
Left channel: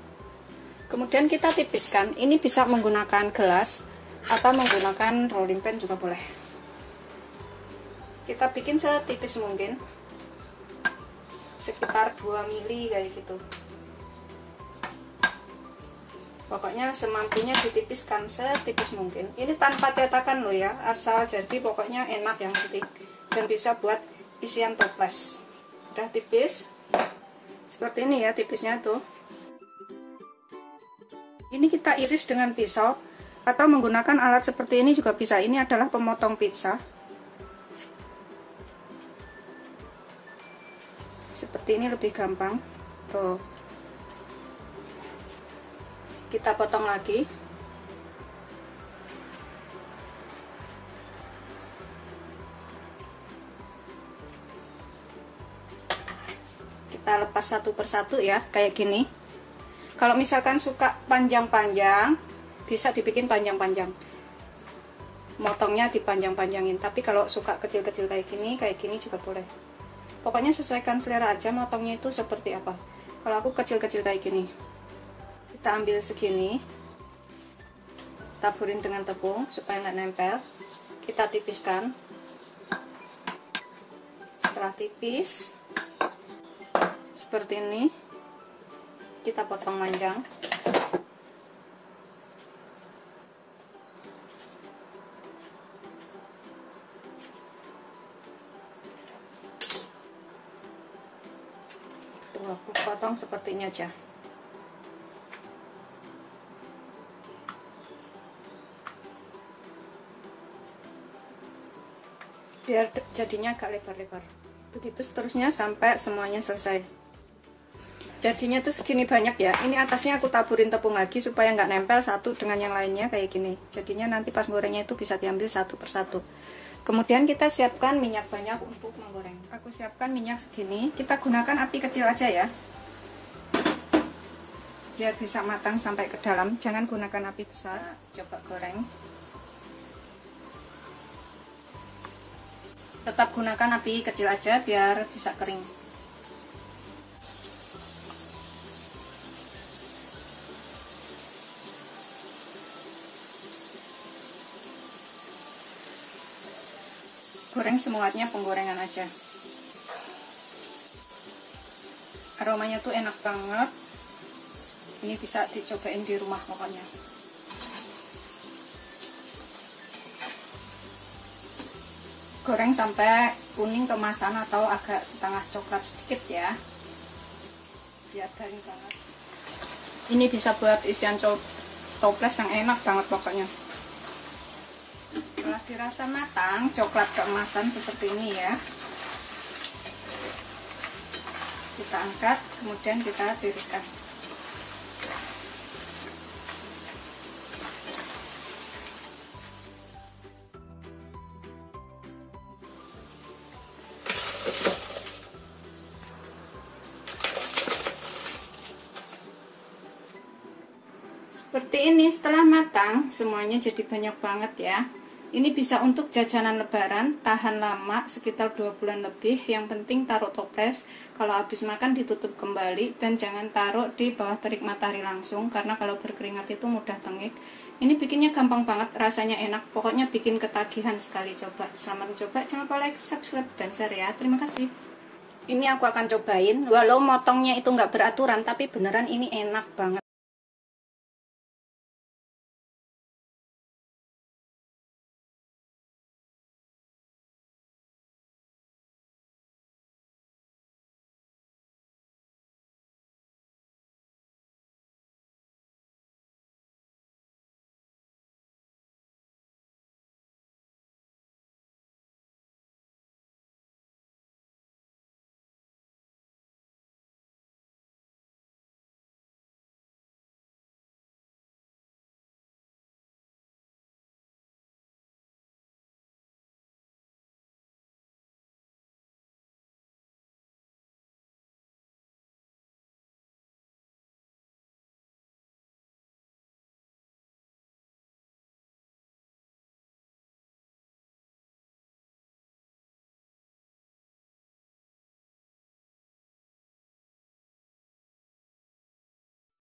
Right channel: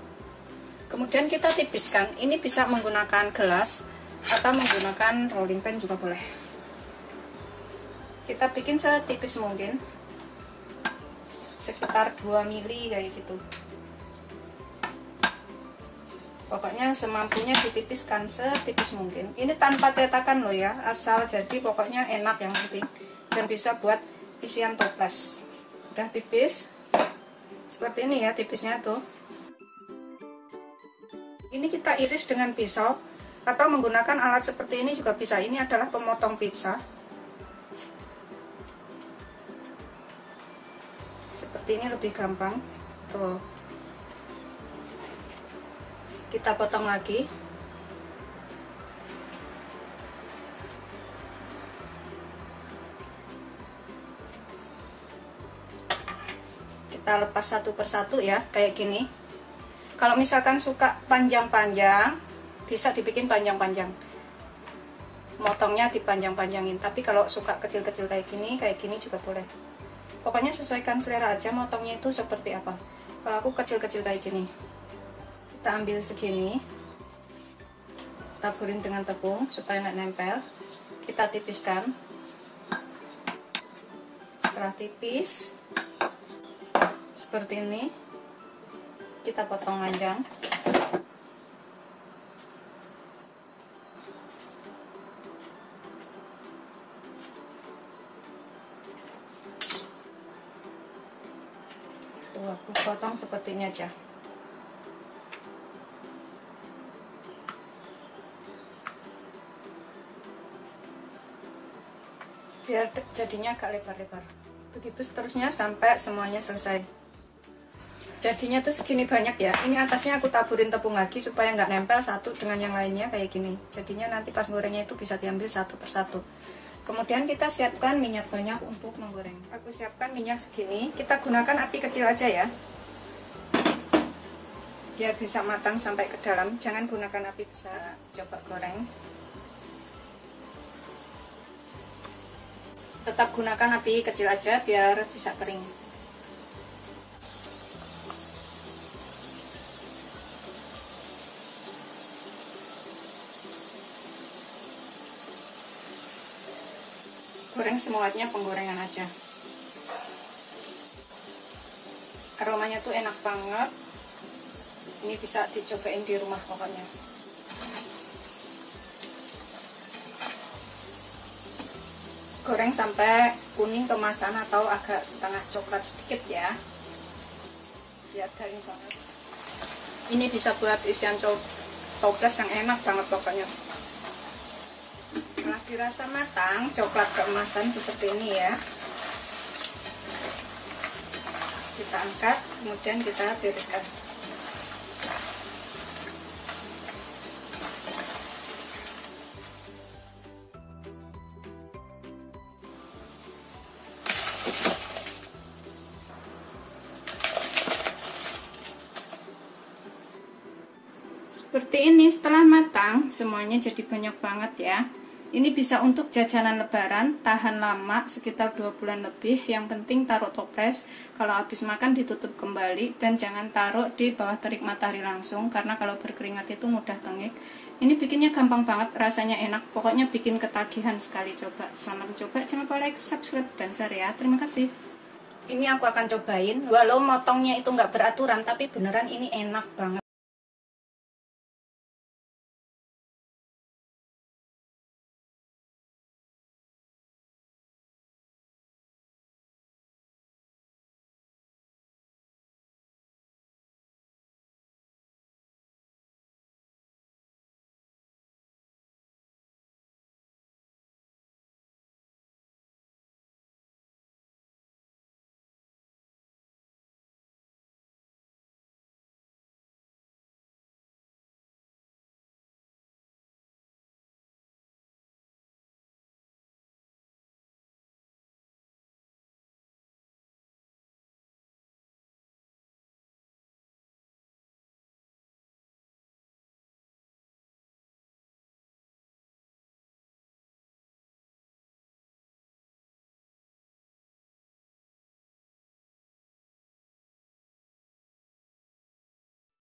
Kemudian kita tipiskan. Ini bisa menggunakan gelas atau menggunakan rolling pin juga boleh. Kita bikin setipis mungkin, sekitar 2 mili kayak gitu. Pokoknya semampunya ditipiskan setipis mungkin. Ini tanpa cetakan loh ya, asal jadi pokoknya enak yang penting, dan bisa buat isian toples. Udah tipis seperti ini ya, tipisnya tuh. Ini kita iris dengan pisau atau menggunakan alat seperti ini juga bisa. Ini adalah pemotong pizza. Seperti ini lebih gampang tuh. Kita potong lagi. Kita lepas satu persatu ya, kayak gini. Kalau misalkan suka panjang-panjang, bisa dibikin panjang-panjang. Motongnya dipanjang-panjangin. Tapi kalau suka kecil-kecil kayak gini juga boleh. Pokoknya sesuaikan selera aja motongnya itu seperti apa. Kalau aku kecil-kecil kayak gini. Kita ambil segini. Taburin dengan tepung supaya nggak nempel. Kita tipiskan. Setelah tipis seperti ini, kita potong panjang. Tuh, aku potong seperti ini aja. Biar jadinya agak lebar-lebar. Begitu seterusnya sampai semuanya selesai. Jadinya tuh segini banyak ya. Ini atasnya aku taburin tepung lagi supaya nggak nempel satu dengan yang lainnya kayak gini. Jadinya nanti pas gorengnya itu bisa diambil satu persatu. Kemudian kita siapkan minyak banyak untuk menggoreng. Aku siapkan minyak segini. Kita gunakan api kecil aja ya, biar bisa matang sampai ke dalam. Jangan gunakan api besar. Coba goreng. Tetap gunakan api kecil aja biar bisa kering. Goreng semuanya penggorengan aja. Aromanya tuh enak banget. Ini bisa dicobain di rumah pokoknya. Goreng sampai kuning kemasan atau agak setengah coklat sedikit ya, biar garing banget. Ini bisa buat isian toples yang enak banget pokoknya. Setelah dirasa matang, coklat keemasan seperti ini ya, kita angkat, kemudian kita tiriskan. Seperti ini setelah matang, semuanya jadi banyak banget ya. Ini bisa untuk jajanan lebaran, tahan lama sekitar 2 bulan lebih. Yang penting taruh toples, kalau habis makan ditutup kembali, dan jangan taruh di bawah terik matahari langsung, karena kalau berkeringat itu mudah tengik. Ini bikinnya gampang banget, rasanya enak, pokoknya bikin ketagihan sekali. Coba, selamat coba, jangan lupa like, subscribe, dan share ya. Terima kasih. Ini aku akan cobain, walau motongnya itu nggak beraturan, tapi beneran ini enak banget.